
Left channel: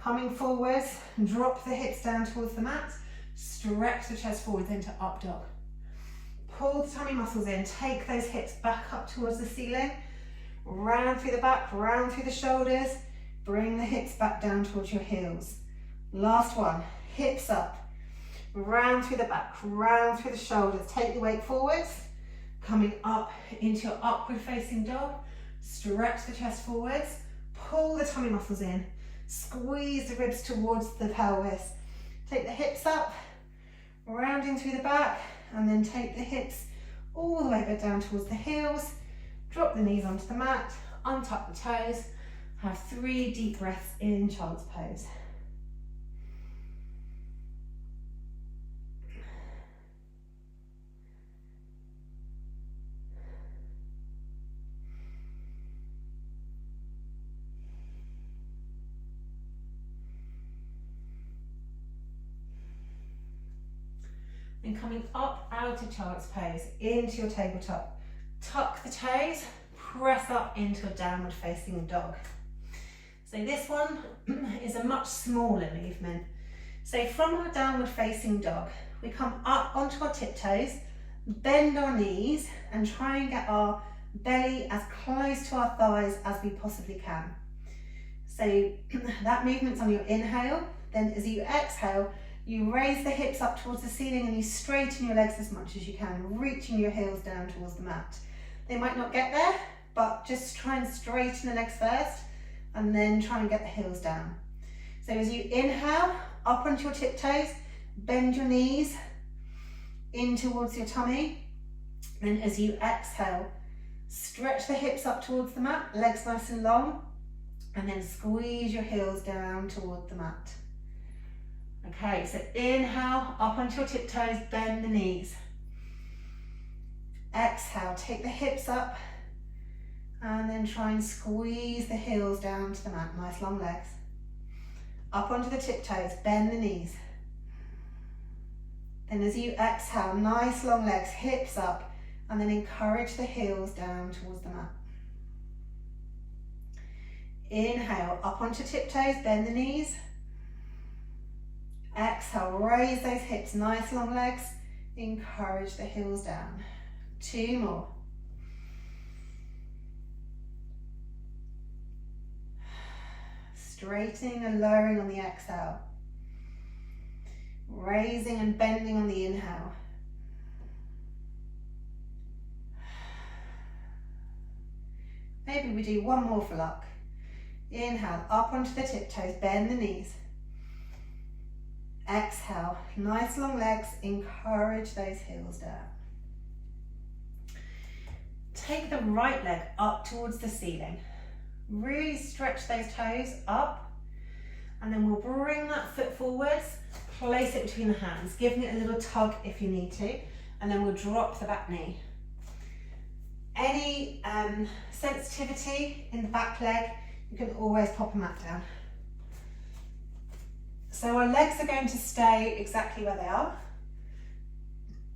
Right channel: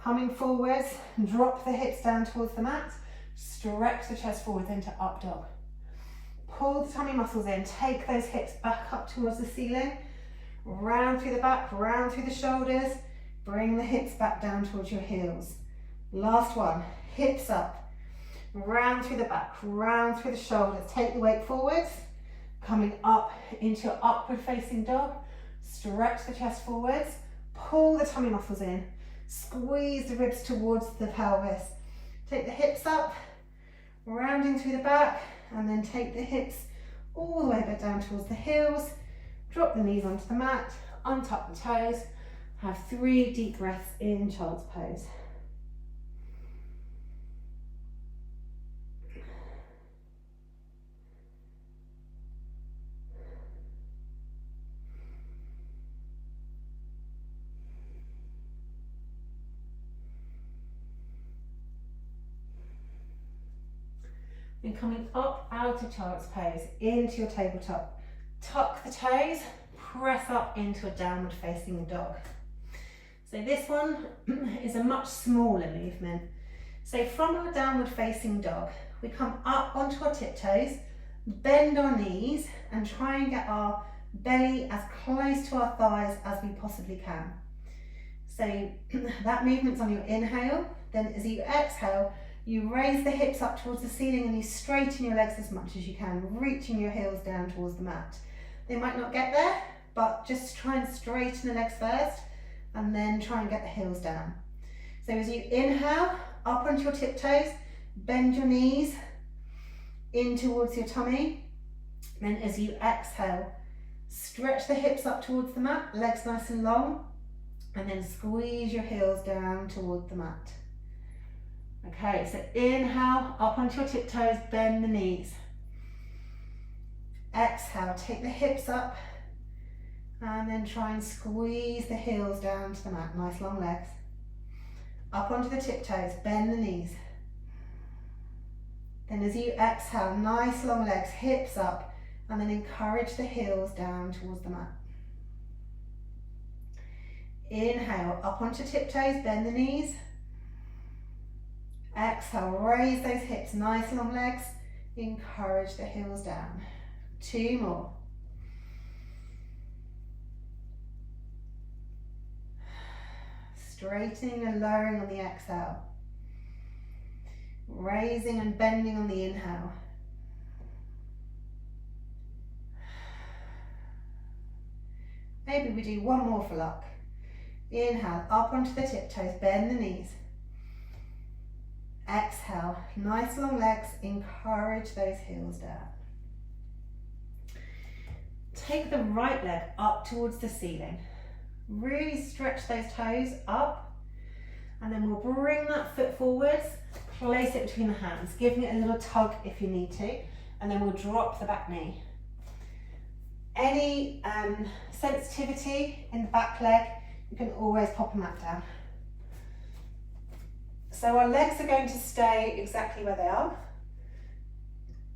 Coming forwards, drop the hips down towards the mat, stretch the chest forwards into up dog. Pull the tummy muscles in, take those hips back up towards the ceiling, round through the back, round through the shoulders, bring the hips back down towards your heels. Last one, hips up, round through the back, round through the shoulders, take the weight forwards, coming up into your upward facing dog, stretch the chest forwards, pull the tummy muscles in, squeeze the ribs towards the pelvis, take the hips up, rounding through the back, and then take the hips all the way back down towards the heels, drop the knees onto the mat, untuck the toes, have 3 deep breaths in child's pose. Then coming up out of child's pose into your tabletop. Tuck the toes, press up into a downward facing dog. So this one is a much smaller movement. So from our downward facing dog, we come up onto our tiptoes, bend our knees, and try and get our belly as close to our thighs as we possibly can. So that movement's on your inhale, then as you exhale, you raise the hips up towards the ceiling and you straighten your legs as much as you can, reaching your heels down towards the mat. They might not get there, but just try and straighten the legs first and then try and get the heels down. So as you inhale, up onto your tiptoes, bend your knees in towards your tummy. Then as you exhale, stretch the hips up towards the mat, legs nice and long, and then squeeze your heels down toward the mat. Okay, so inhale, up onto your tiptoes, bend the knees. Exhale, take the hips up, and then try and squeeze the heels down to the mat, nice long legs. Up onto the tiptoes, bend the knees. Then as you exhale, nice long legs, hips up, and then encourage the heels down towards the mat. Inhale, up onto tiptoes, bend the knees. Exhale, raise those hips, nice long legs, encourage the heels down. 2 more. Straightening and lowering on the exhale. Raising and bending on the inhale. Maybe we do 1 more for luck. Inhale, up onto the tiptoes, bend the knees. Exhale, nice long legs, encourage those heels down. Take the right leg up towards the ceiling. Really stretch those toes up, and then we'll bring that foot forwards, place it between the hands, giving it a little tug if you need to, and then we'll drop the back knee. Any sensitivity in the back leg, you can always pop a mat down. So our legs are going to stay exactly where they are.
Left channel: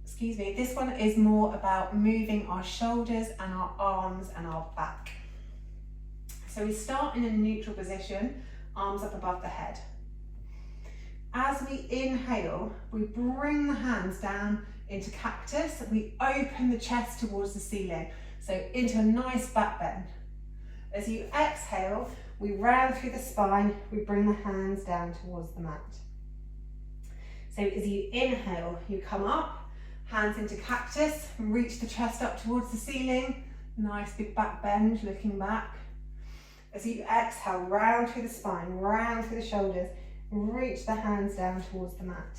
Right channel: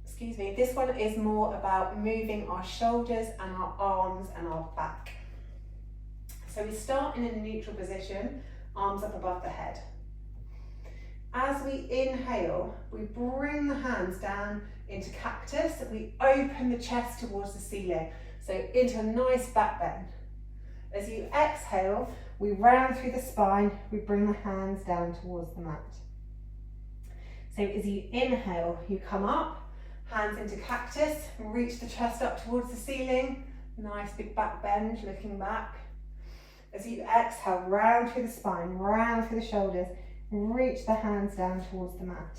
Excuse me, this one is more about moving our shoulders and our arms and our back. So we start in a neutral position, arms up above the head. As we inhale, we bring the hands down into cactus, we open the chest towards the ceiling, so into a nice back bend. As you exhale, we round through the spine, we bring the hands down towards the mat. So as you inhale, you come up, hands into cactus, reach the chest up towards the ceiling, nice big back bend, looking back. As you exhale, round through the spine, round through the shoulders, reach the hands down towards the mat.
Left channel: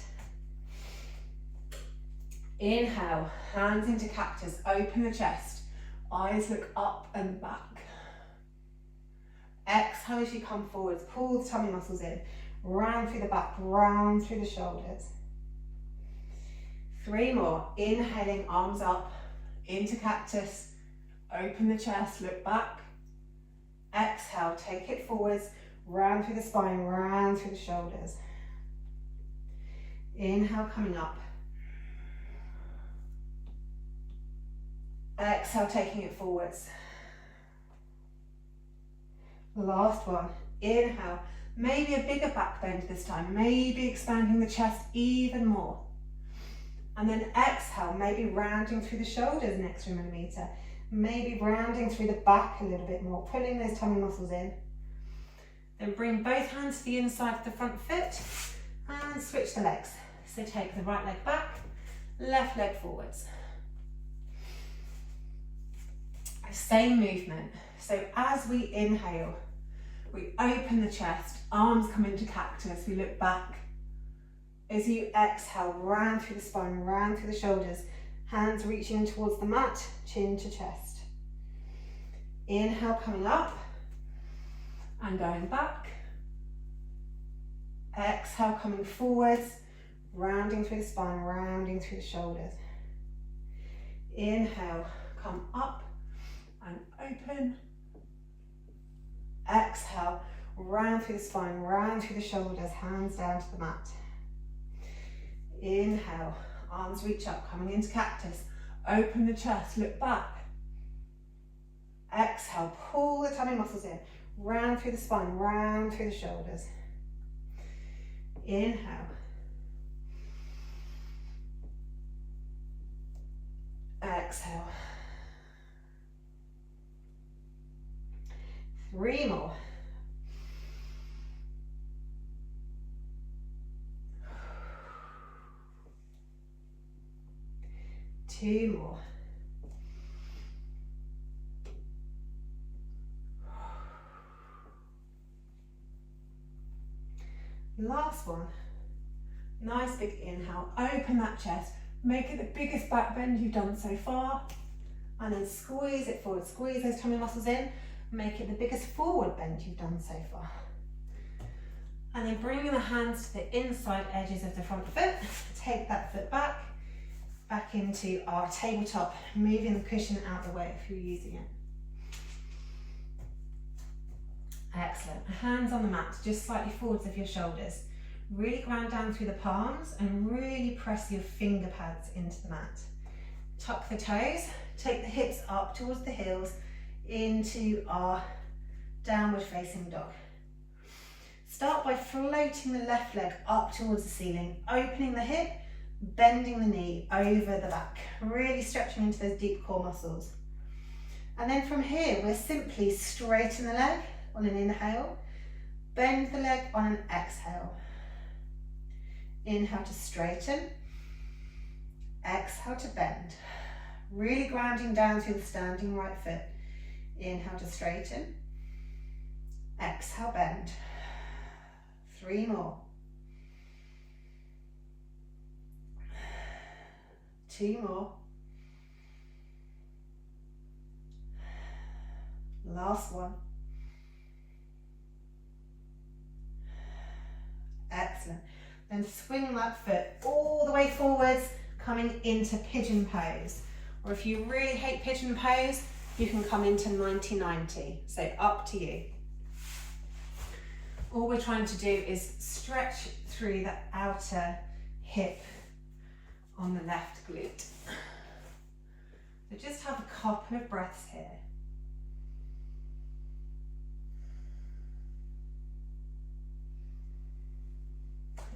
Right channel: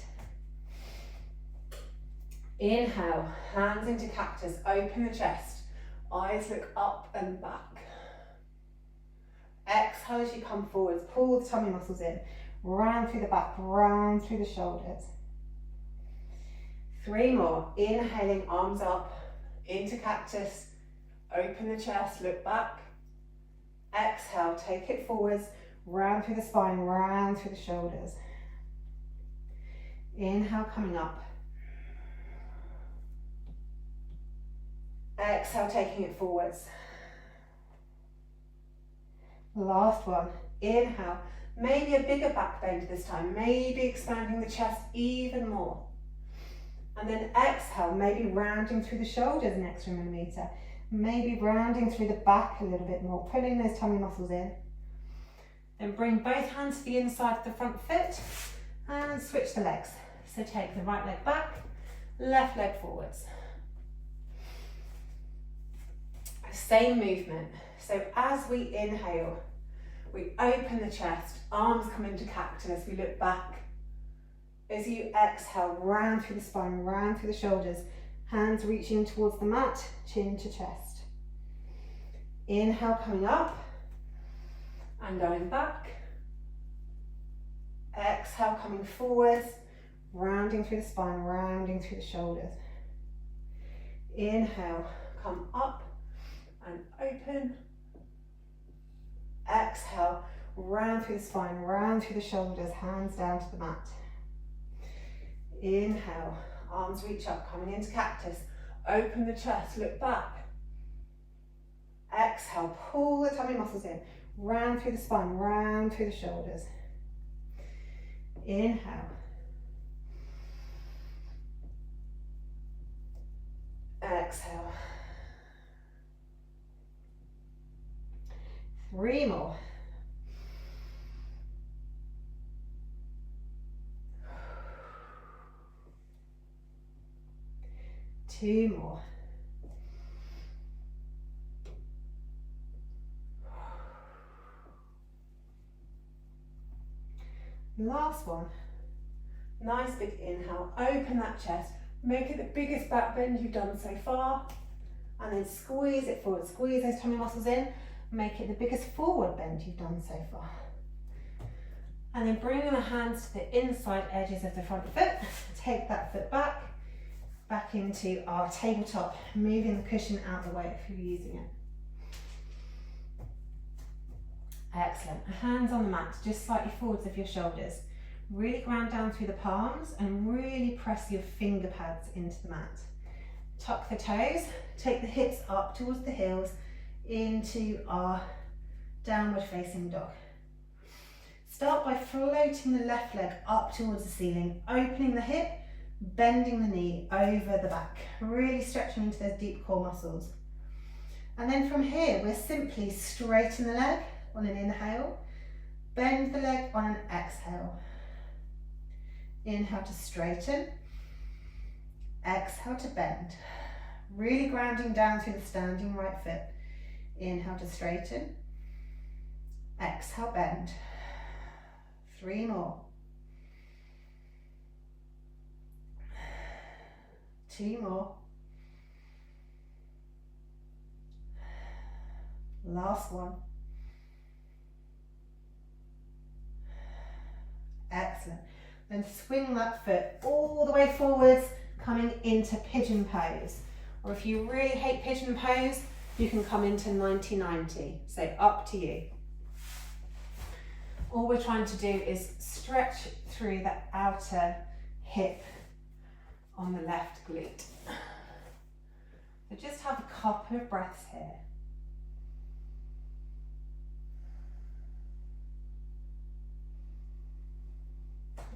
Inhale, hands into cactus, open the chest, eyes look up and back. Exhale as you come forwards, pull the tummy muscles in, round through the back, round through the shoulders. 3 more, inhaling, arms up, into cactus, open the chest, look back. Exhale, take it forwards, round through the spine, round through the shoulders. Inhale, coming up. Exhale, taking it forwards. Last one, inhale, maybe a bigger back bend this time, maybe expanding the chest even more. And then exhale, maybe rounding through the shoulders an extra millimetre, maybe rounding through the back a little bit more, pulling those tummy muscles in. Then bring both hands to the inside of the front foot and switch the legs. So take the right leg back, left leg forwards. Same movement. So as we inhale, we open the chest, arms come into cactus, we look back. As you exhale, round through the spine, round through the shoulders, hands reaching towards the mat, chin to chest. Inhale, coming up and going back. Exhale, coming forwards, rounding through the spine, rounding through the shoulders. Inhale, come up and open. Exhale, round through the spine, round through the shoulders, hands down to the mat. Inhale, arms reach up, coming into cactus, open the chest, look back. Exhale, pull the tummy muscles in, round through the spine, round through the shoulders. Inhale. Exhale. 3 more. Two more. Last one. Nice big inhale, open that chest, make it the biggest back bend you've done so far, and then squeeze it forward, squeeze those tummy muscles in, make it the biggest forward bend you've done so far. And then bringing the hands to the inside edges of the front foot, take that foot back into our tabletop, moving the cushion out of the way if you're using it. Excellent. Hands on the mat, just slightly forwards of your shoulders. Really ground down through the palms and really press your finger pads into the mat. Tuck the toes, take the hips up towards the heels into our downward facing dog. Start by floating the left leg up towards the ceiling, opening the hip, bending the knee over the back, really stretching into those deep core muscles. And then from here, we're simply straighten the leg on an inhale, bend the leg on an exhale. Inhale to straighten, exhale to bend. Really grounding down through the standing right foot. Inhale to straighten, exhale, bend. 3 more. 2 more. Last one. Excellent. Then swing that foot all the way forwards, coming into pigeon pose. Or if you really hate pigeon pose, you can come into 90-90. So up to you. All we're trying to do is stretch through the outer hip on the left glute. So just have a couple of breaths here.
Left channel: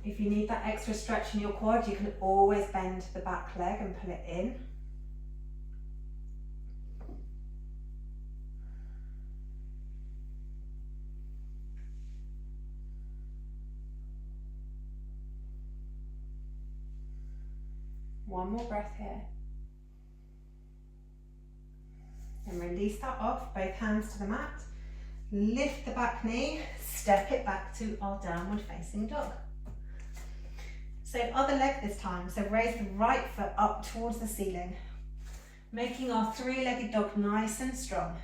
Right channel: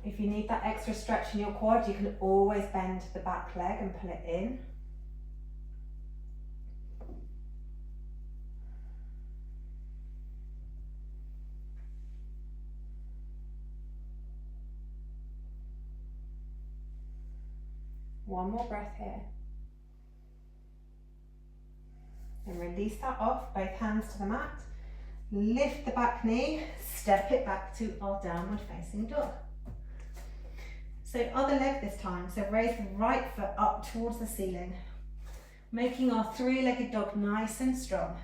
If you need that extra stretch in your quad, you can always bend the back leg and pull it in. One more breath here. And release that off, both hands to the mat. Lift the back knee, step it back to our downward facing dog. So other leg this time, so raise the right foot up towards the ceiling, making our 3-legged dog nice and strong.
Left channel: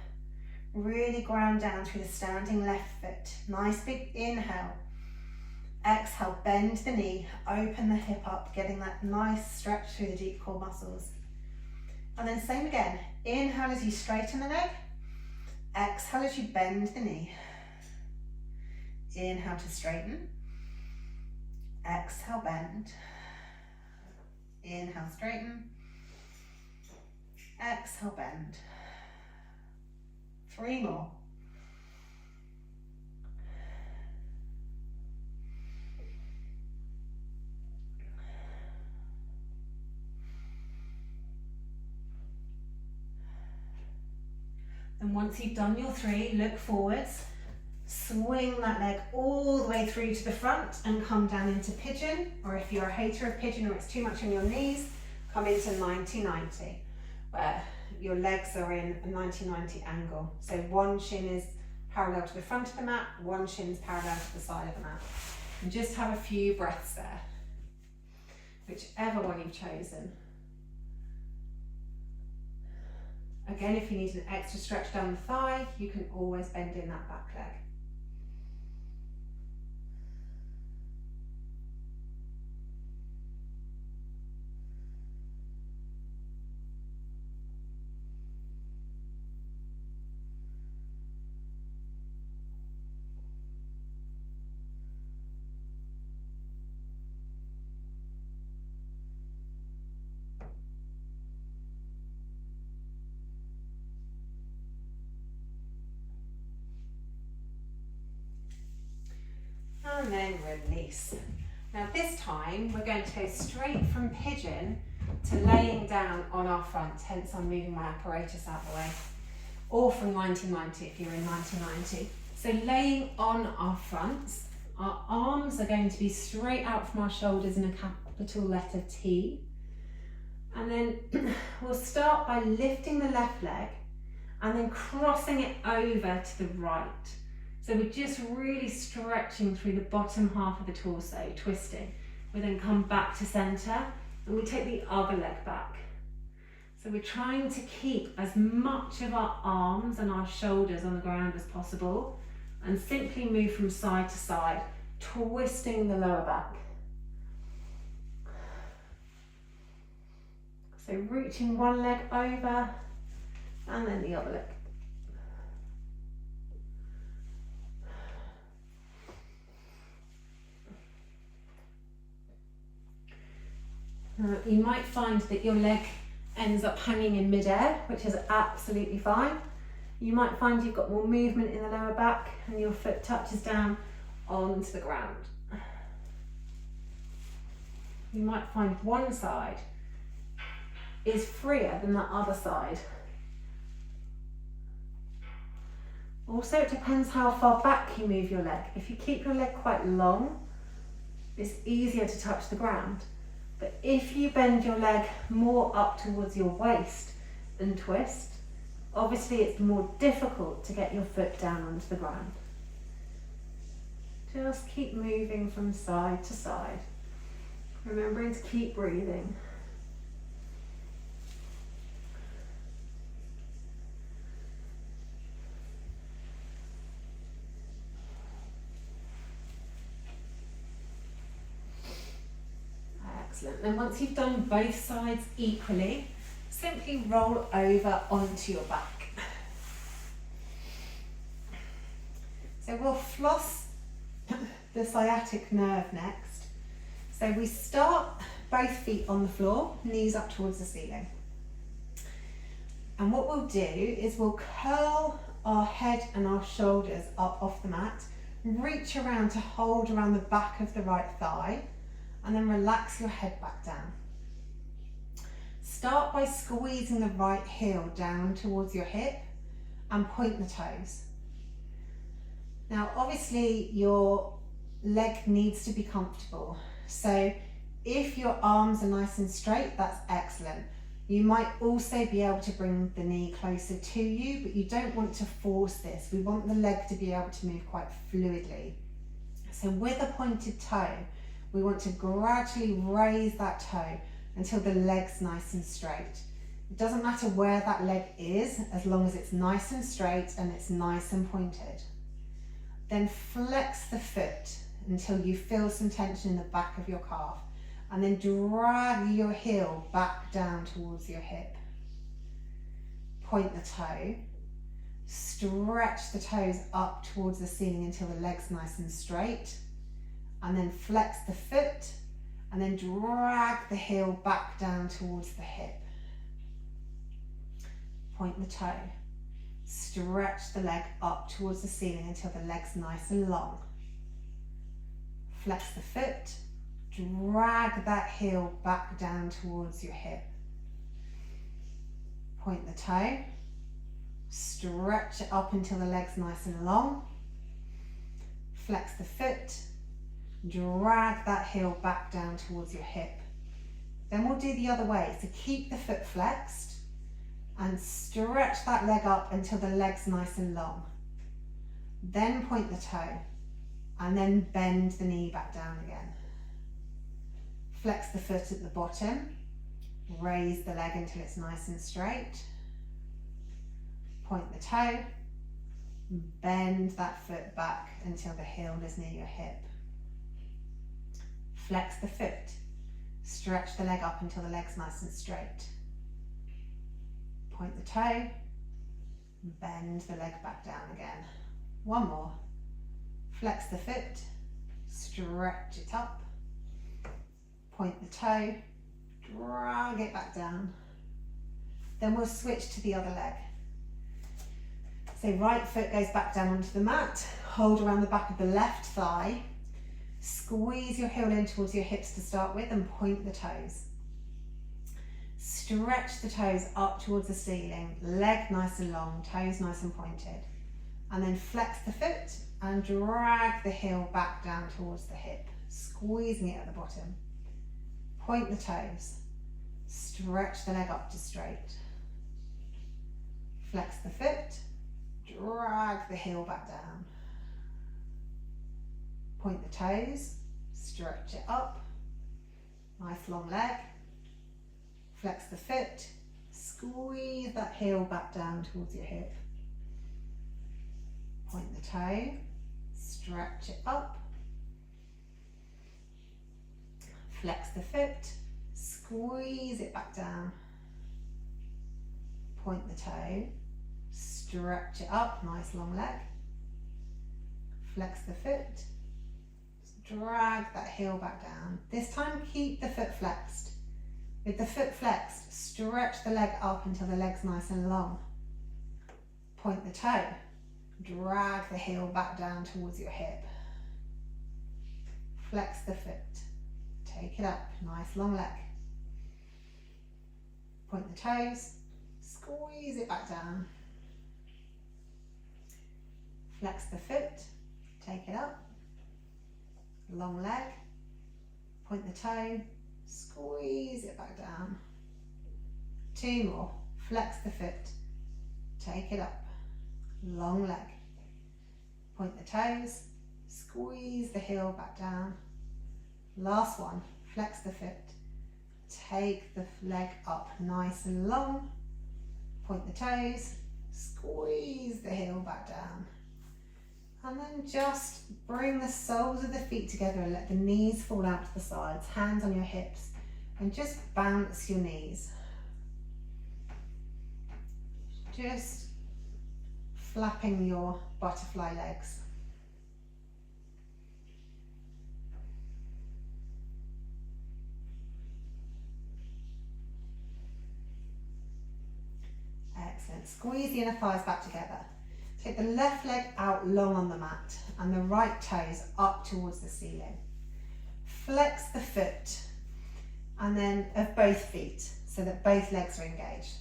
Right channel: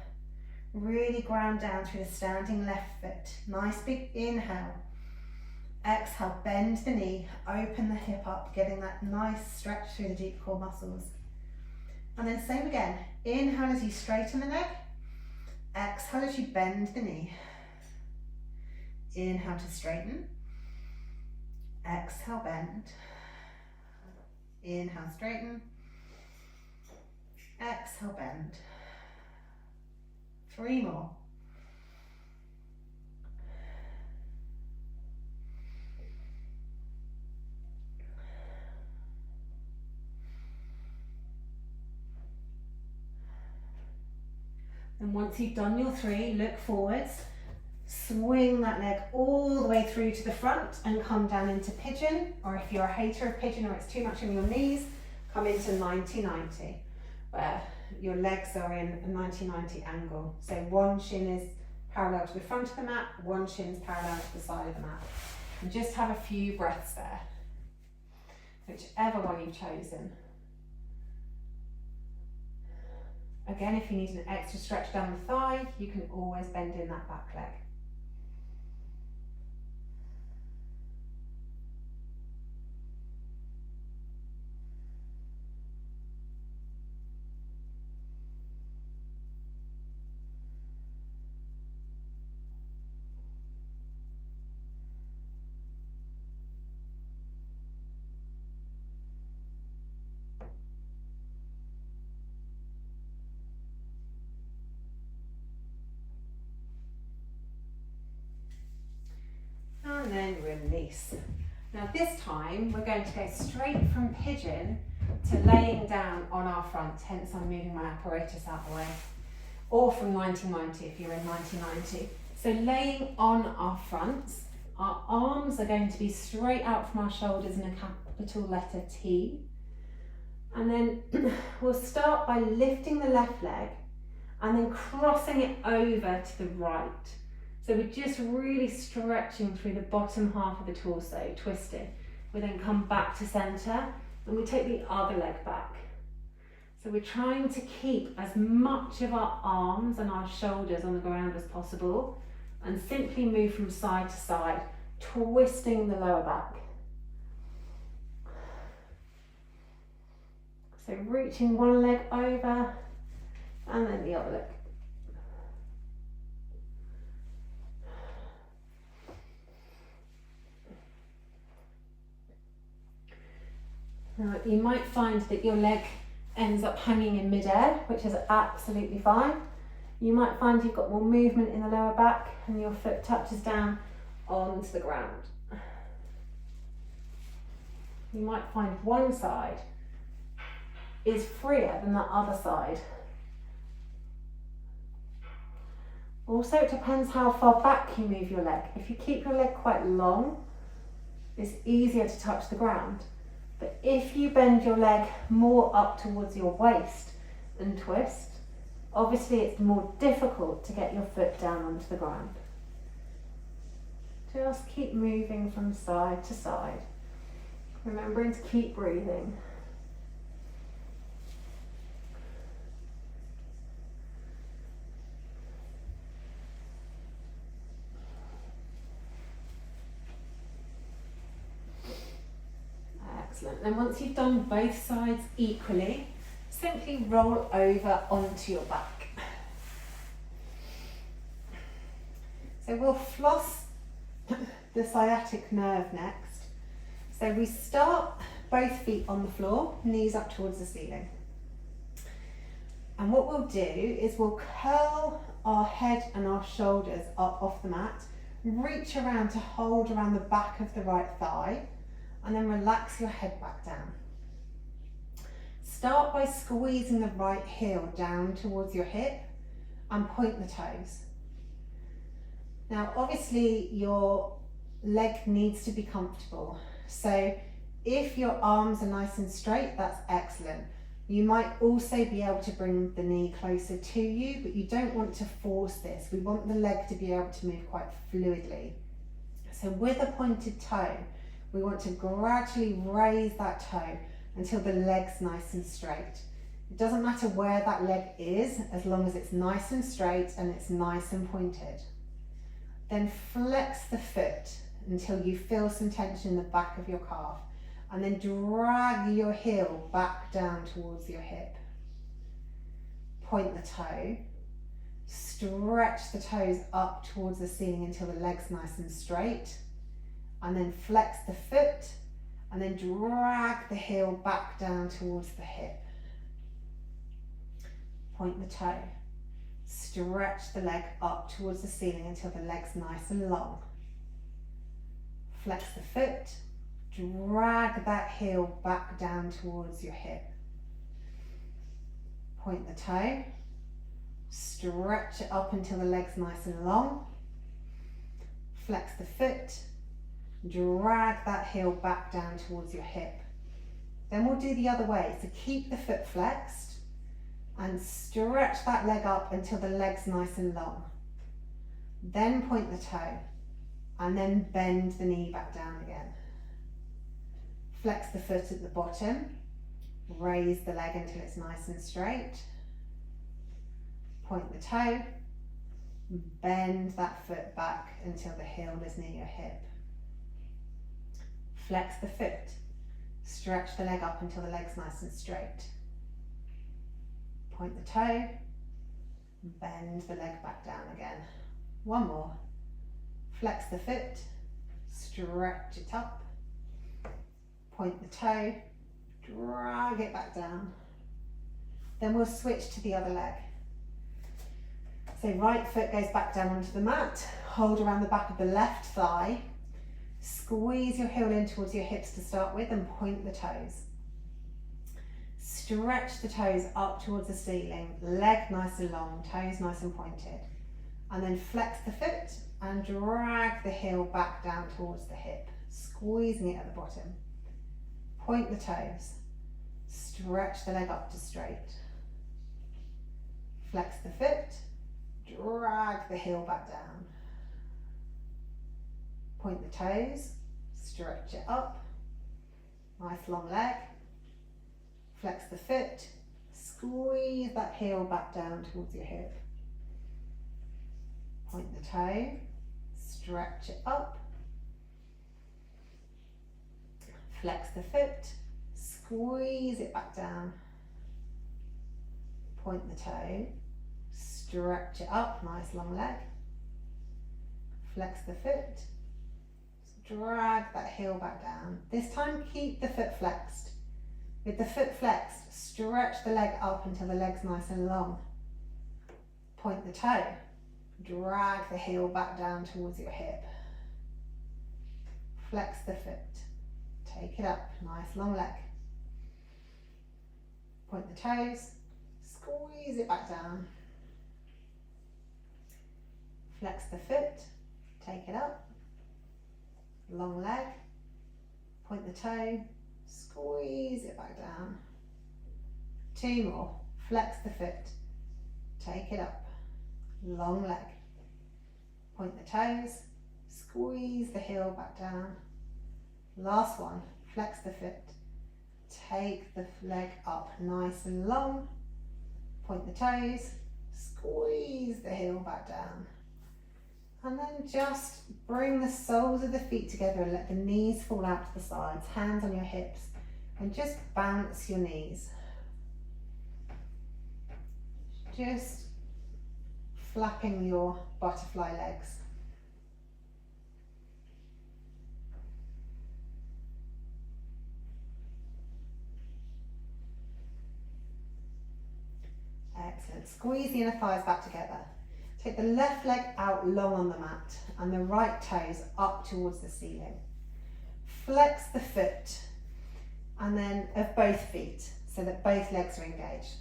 Really ground down through the standing left foot. Nice big inhale. Exhale, bend the knee, open the hip up, getting that nice stretch through the deep core muscles. And then same again, inhale as you straighten the leg, exhale as you bend the knee. Inhale to straighten. Exhale, bend. Inhale, straighten. Exhale, bend. 3 more. And once you've done your 3, look forwards. Swing that leg all the way through to the front and come down into pigeon, or if you're a hater of pigeon or it's too much on your knees, come into 90-90, where your legs are in a 90-90 angle. So one shin is parallel to the front of the mat, one shin is parallel to the side of the mat. And just have a few breaths there, whichever one you've chosen. Again, if you need an extra stretch down the thigh, you can always bend in that back leg. And then release. Now this time we're going to go straight from pigeon to laying down on our front, hence I'm moving my apparatus out of the way, or from 90-90 if you're in 90-90. So laying on our fronts, our arms are going to be straight out from our shoulders in a capital letter T. And then we'll start by lifting the left leg and then crossing it over to the right. So we're just really stretching through the bottom half of the torso, twisting. We then come back to center and we take the other leg back. So we're trying to keep as much of our arms and our shoulders on the ground as possible and simply move from side to side, twisting the lower back. So reaching one leg over and then the other leg. Now, you might find that your leg ends up hanging in midair, which is absolutely fine. You might find you've got more movement in the lower back and your foot touches down onto the ground. You might find one side is freer than that other side. Also, it depends how far back you move your leg. If you keep your leg quite long, it's easier to touch the ground. But if you bend your leg more up towards your waist and twist, obviously it's more difficult to get your foot down onto the ground. Just keep moving from side to side, remembering to keep breathing. And once you've done both sides equally, simply roll over onto your back. So we'll floss the sciatic nerve next. So we start both feet on the floor, knees up towards the ceiling. And what we'll do is we'll curl our head and our shoulders up off the mat, reach around to hold around the back of the right thigh, and then relax your head back down. Start by squeezing the right heel down towards your hip and point the toes. Now obviously your leg needs to be comfortable, so if your arms are nice and straight, that's excellent. You might also be able to bring the knee closer to you, but you don't want to force this. We want the leg to be able to move quite fluidly. So with a pointed toe, we want to gradually raise that toe until the leg's nice and straight. It doesn't matter where that leg is, as long as it's nice and straight and it's nice and pointed. Then flex the foot until you feel some tension in the back of your calf, and then drag your heel back down towards your hip. Point the toe, stretch the toes up towards the ceiling until the leg's nice and straight, and then flex the foot, and then drag the heel back down towards the hip. Point the toe, stretch the leg up towards the ceiling until the leg's nice and long. Flex the foot, drag that heel back down towards your hip. Point the toe, stretch it up until the leg's nice and long. Flex the foot, drag that heel back down towards your hip. Then we'll do the other way, so keep the foot flexed and stretch that leg up until the leg's nice and long. Then point the toe and then bend the knee back down again. Flex the foot at the bottom, raise the leg until it's nice and straight. Point the toe, bend that foot back until the heel is near your hip. Flex the foot, stretch the leg up until the leg's nice and straight. Point the toe, bend the leg back down again. One more. Flex the foot, stretch it up. Point the toe, drag it back down. Then we'll switch to the other leg. So right foot goes back down onto the mat, hold around the back of the left thigh, squeeze your heel in towards your hips to start with and point the toes. Stretch the toes up towards the ceiling, leg nice and long, toes nice and pointed. And then flex the foot and drag the heel back down towards the hip, squeezing it at the bottom. Point the toes, stretch the leg up to straight. Flex the foot, drag the heel back down. Point the toes, stretch it up, nice long leg. Flex the foot, squeeze that heel back down towards your hip. Point the toe, stretch it up. Flex the foot, squeeze it back down. Point the toe, stretch it up, nice long leg. Flex the foot, drag that heel back down. This time keep the foot flexed. With the foot flexed, stretch the leg up until the leg's nice and long. Point the toe, drag the heel back down towards your hip. Flex the foot, take it up, nice long leg. Point the toes, squeeze it back down. Flex the foot, take it up, long leg. Point the toe, squeeze it back down. Two more, flex the foot, take it up, long leg. Point the toes, squeeze the heel back down. Last one, flex the foot, take the leg up nice and long. Point the toes, squeeze the heel back down. And then just bring the soles of the feet together and let the knees fall out to the sides, hands on your hips. And just bounce your knees. Just flapping your butterfly legs. Excellent. Squeeze the inner thighs back together. Take the left leg out long on the mat and the right toes up towards the ceiling. Flex the foot and then of both feet so that both legs are engaged.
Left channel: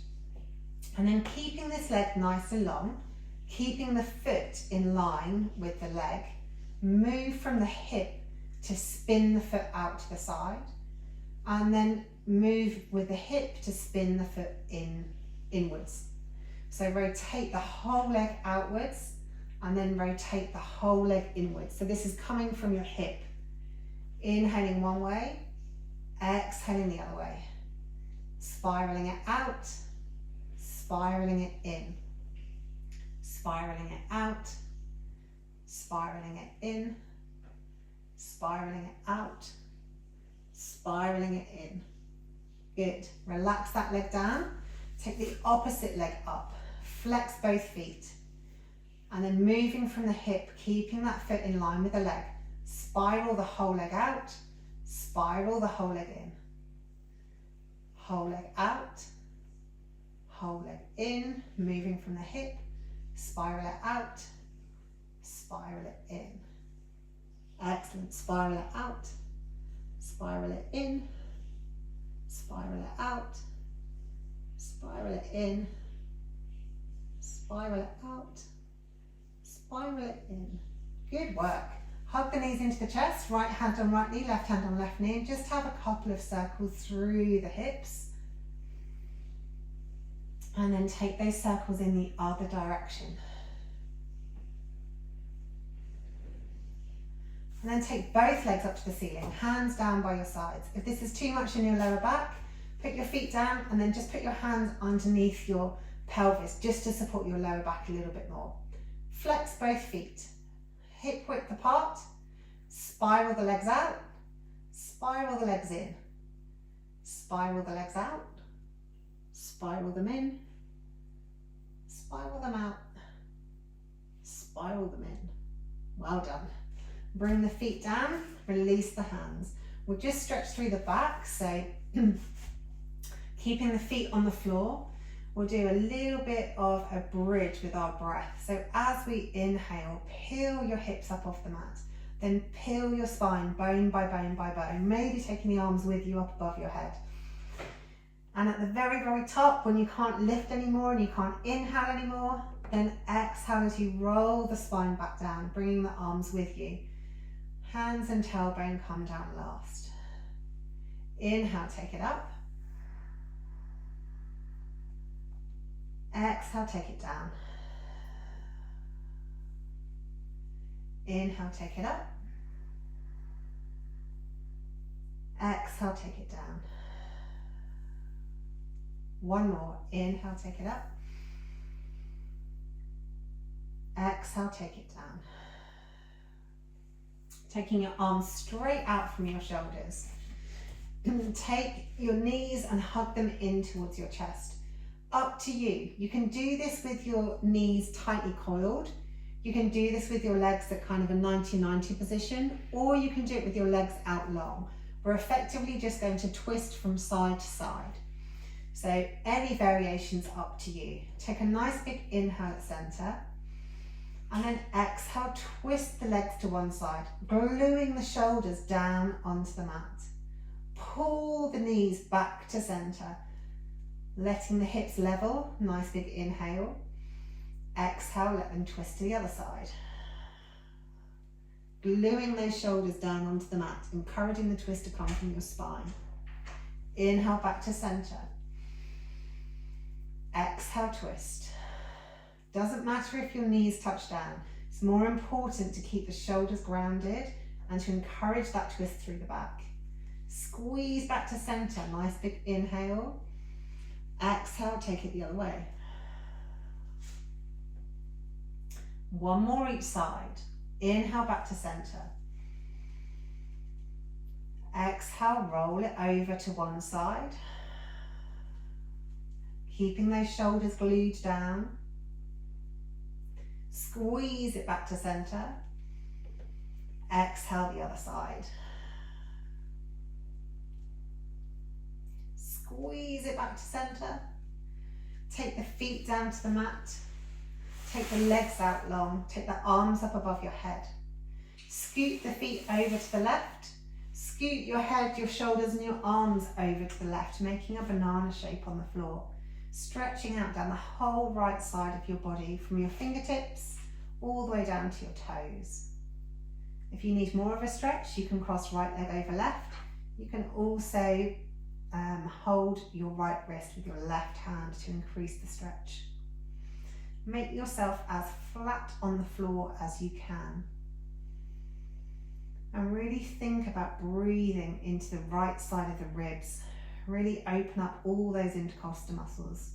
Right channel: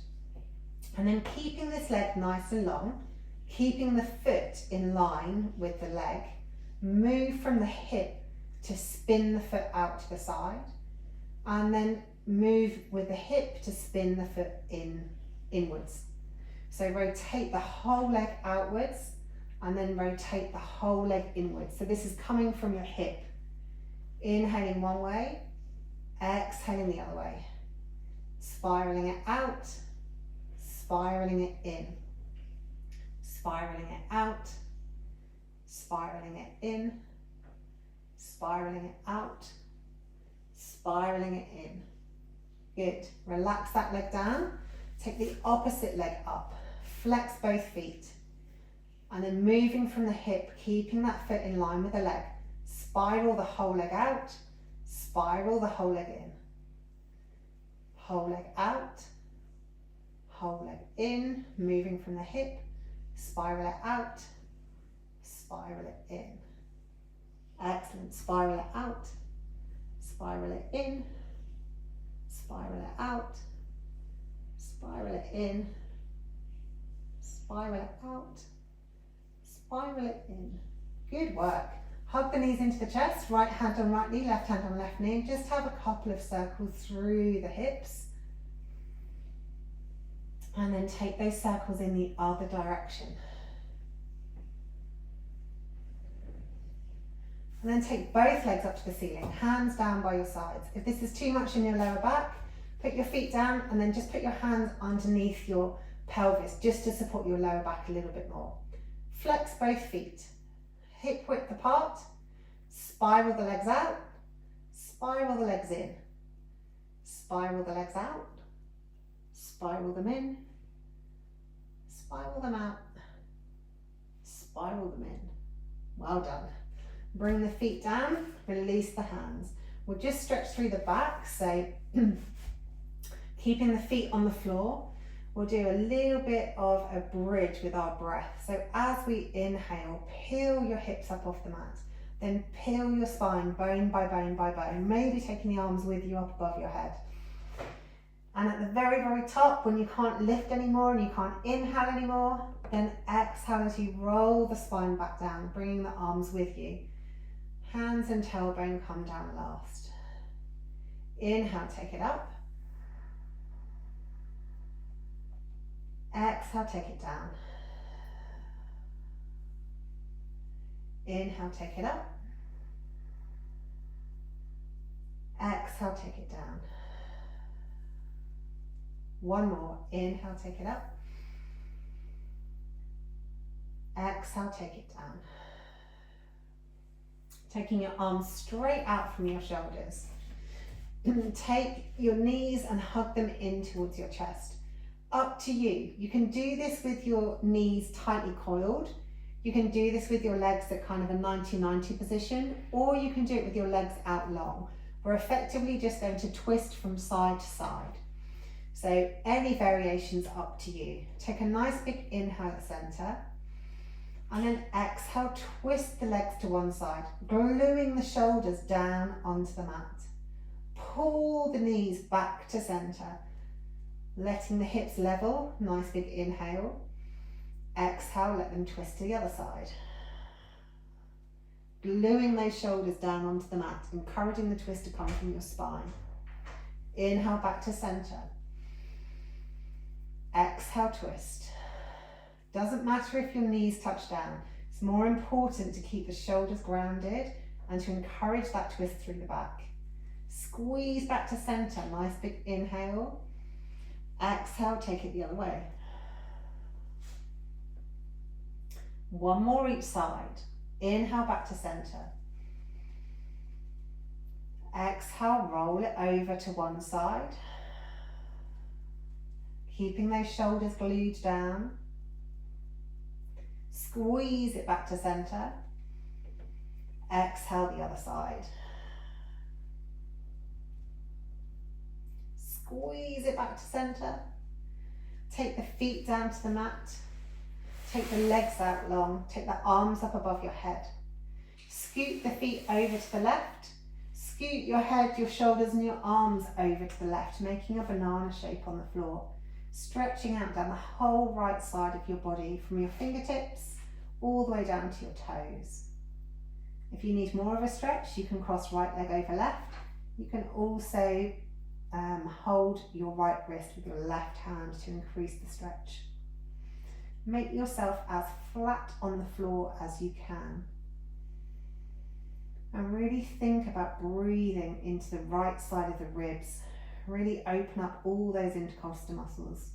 And then keeping this leg nice and long, keeping the foot in line with the leg, move from the hip to spin the foot out to the side, and then move with the hip to spin the foot inwards. So rotate the whole leg outwards and then rotate the whole leg inwards. So this is coming from your hip. Inhaling one way, exhaling the other way. Spiraling it out, spiraling it in. Spiraling it out, spiraling it in, spiraling it out, spiraling it in. Good. Relax that leg down. Take the opposite leg up. Flex both feet. And then moving from the hip, keeping that foot in line with the leg. Spiral the whole leg out, spiral the whole leg in. Whole leg out, whole leg in, moving from the hip, spiral it out, spiral it in. Excellent. Spiral it out, spiral it in, spiral it out, spiral it in, spiral it out, spiral it in. Good work. Hug the knees into the chest, right hand on right knee, left hand on left knee, and just have a couple of circles through the hips. And then take those circles in the other direction. And then take both legs up to the ceiling, hands down by your sides. If this is too much in your lower back, put your feet down and then just put your hands underneath your pelvis just to support your lower back a little bit more. Flex both feet, hip width apart, spiral the legs out, spiral the legs in, spiral the legs out, spiral them in, spiral them out, spiral them in. Well done. Bring the feet down, release the hands. We'll just stretch through the back, so keeping the feet on the floor. We'll do a little bit of a bridge with our breath. So as we inhale, peel your hips up off the mat, then peel your spine bone by bone by bone, maybe taking the arms with you up above your head. And at the very, very top, when you can't lift anymore and you can't inhale anymore, then exhale as you roll the spine back down, bringing the arms with you. Hands and tailbone come down last. Inhale, take it up. Exhale, take it down. Inhale, take it up. Exhale, take it down. One more. Inhale, take it up. Exhale, take it down. Taking your arms straight out from your shoulders. Take your knees and hug them in towards your chest. Up to you. You can do this with your knees tightly coiled. You can do this with your legs at kind of a 90-90 position, or you can do it with your legs out long. We're effectively just going to twist from side to side. So any variations up to you. Take a nice big inhale at center. And then exhale, twist the legs to one side, gluing the shoulders down onto the mat. Pull the knees back to center, letting the hips level, nice big inhale. Exhale, let them twist to the other side. Gluing those shoulders down onto the mat, encouraging the twist to come from your spine. Inhale back to center. Exhale, twist. Doesn't matter if your knees touch down. It's more important to keep the shoulders grounded and to encourage that twist through the back. Squeeze back to center, nice big inhale. Exhale, take it the other way. One more each side. Inhale back to center. Exhale, roll it over to one side. Keeping those shoulders glued down. Squeeze it back to center. Exhale the other side. Squeeze it back to center. Take the feet down to the mat. Take the legs out long. Take the arms up above your head. Scoot the feet over to the left. Scoot your head, your shoulders and your arms over to the left, making a banana shape on the floor. Stretching out down the whole right side of your body from your fingertips all the way down to your toes. If you need more of a stretch, you can cross right leg over left. You can also hold your right wrist with your left hand to increase the stretch. Make yourself as flat on the floor as you can. And really think about breathing into the right side of the ribs. Really open up all those intercostal muscles.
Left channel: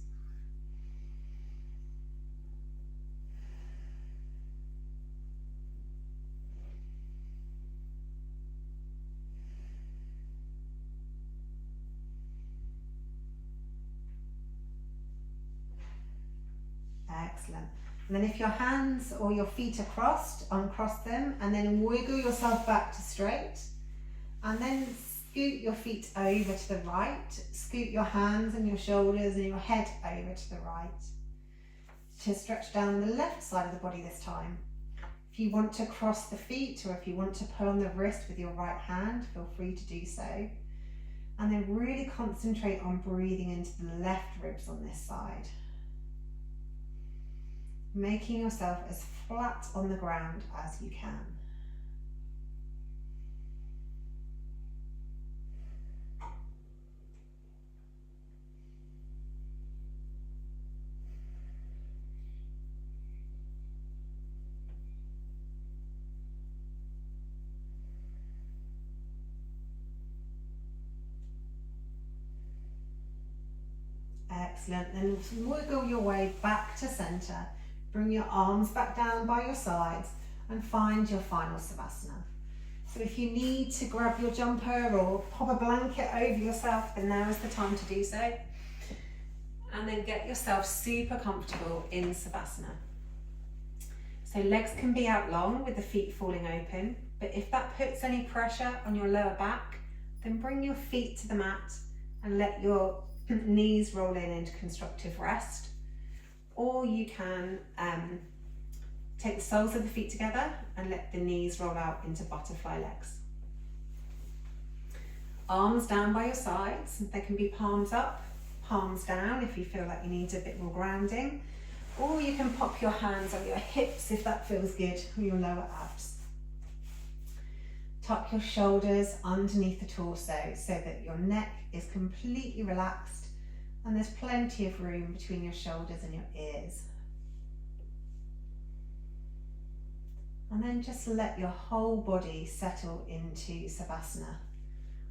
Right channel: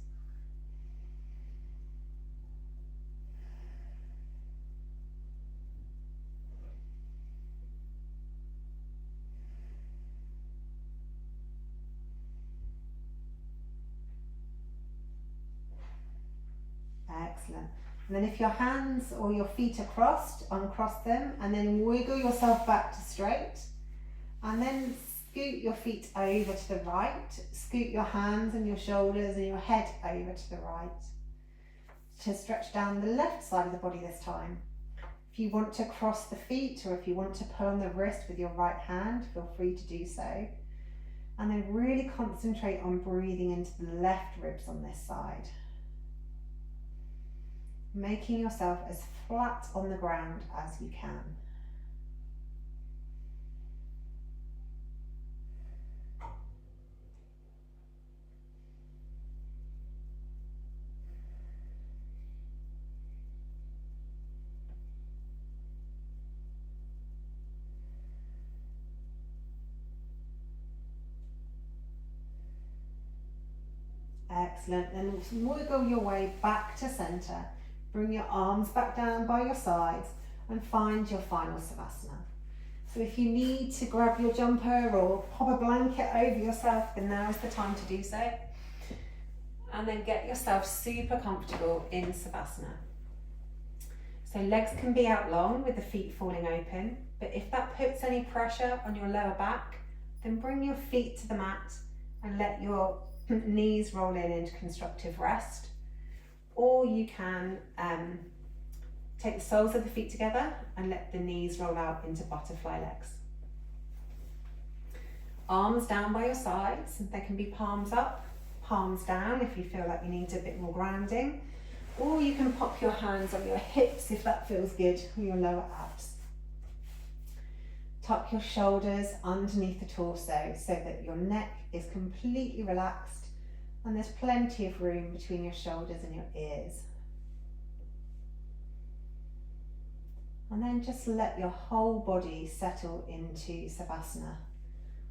Excellent. And then if your hands or your feet are crossed, uncross them and then wiggle yourself back to straight. And then scoot your feet over to the right. Scoot your hands and your shoulders and your head over to the right. To stretch down the left side of the body this time. If you want to cross the feet or if you want to pull on the wrist with your right hand, feel free to do so. And then really concentrate on breathing into the left ribs on this side. Making yourself as flat on the ground as you can. Excellent. Then wiggle your way back to center. Bring your arms back down by your sides and find your final Savasana. So if you need to grab your jumper or pop a blanket over yourself, then now is the time to do so. And then get yourself super comfortable in Savasana. So legs can be out long with the feet falling open, but if that puts any pressure on your lower back, then bring your feet to the mat and let your knees roll in into constructive rest. Or you can take the soles of the feet together and let the knees roll out into butterfly legs. Arms down by your sides. They can be palms up, palms down if you feel like you need a bit more grounding. Or you can pop your hands on your hips if that feels good, or your lower abs. Tuck your shoulders underneath the torso so that your neck is completely relaxed. And there's plenty of room between your shoulders and your ears. And then just let your whole body settle into Savasana.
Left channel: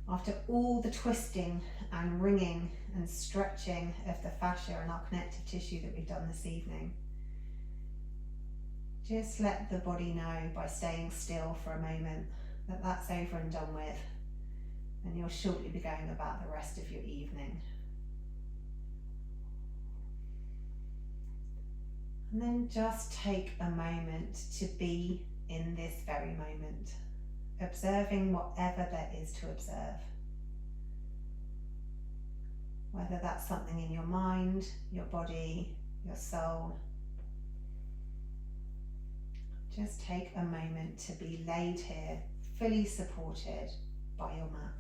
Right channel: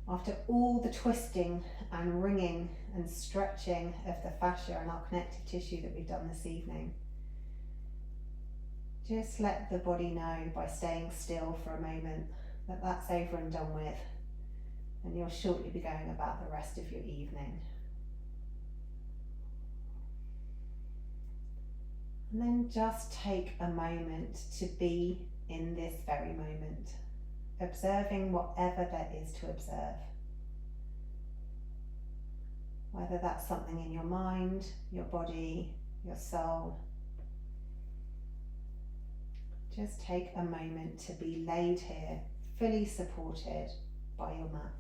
After all the twisting and wringing and stretching of the fascia and our connective tissue that we've done this evening, just let the body know by staying still for a moment that that's over and done with, and you'll shortly be going about the rest of your evening. And then just take a moment to be in this very moment, observing whatever there is to observe. Whether that's something in your mind, your body, your soul. Just take a moment to be laid here, fully supported by your mat.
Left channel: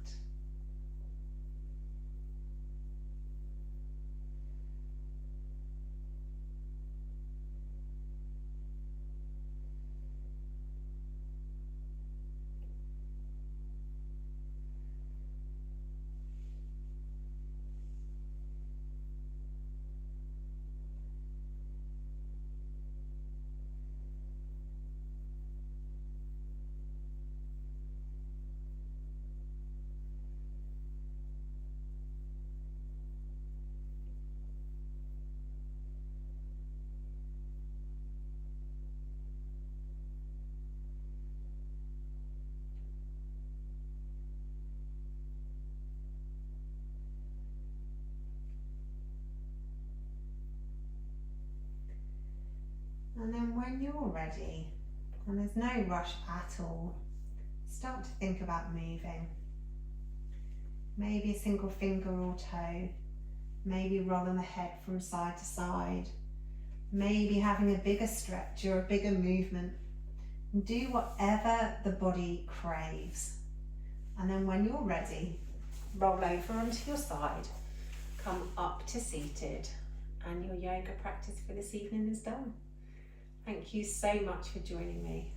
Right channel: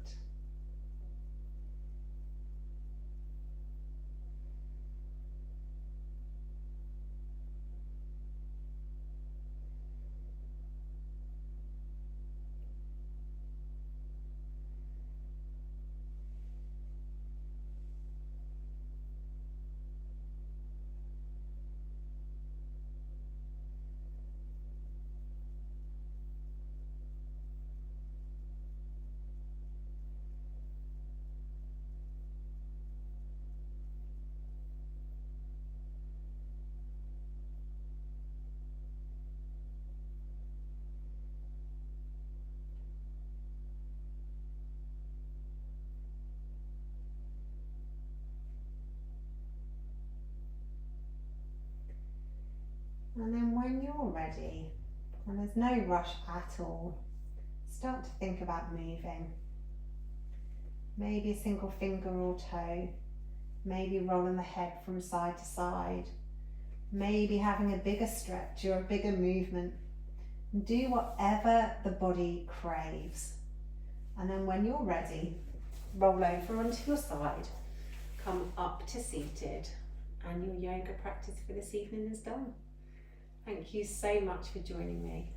And then when you're ready, and there's no rush at all, start to think about moving. Maybe a single finger or toe, maybe rolling the head from side to side, maybe having a bigger stretch or a bigger movement. Do whatever the body craves. And then when you're ready, roll over onto your side, come up to seated, and your yoga practice for this evening is done. Thank you so much for joining me.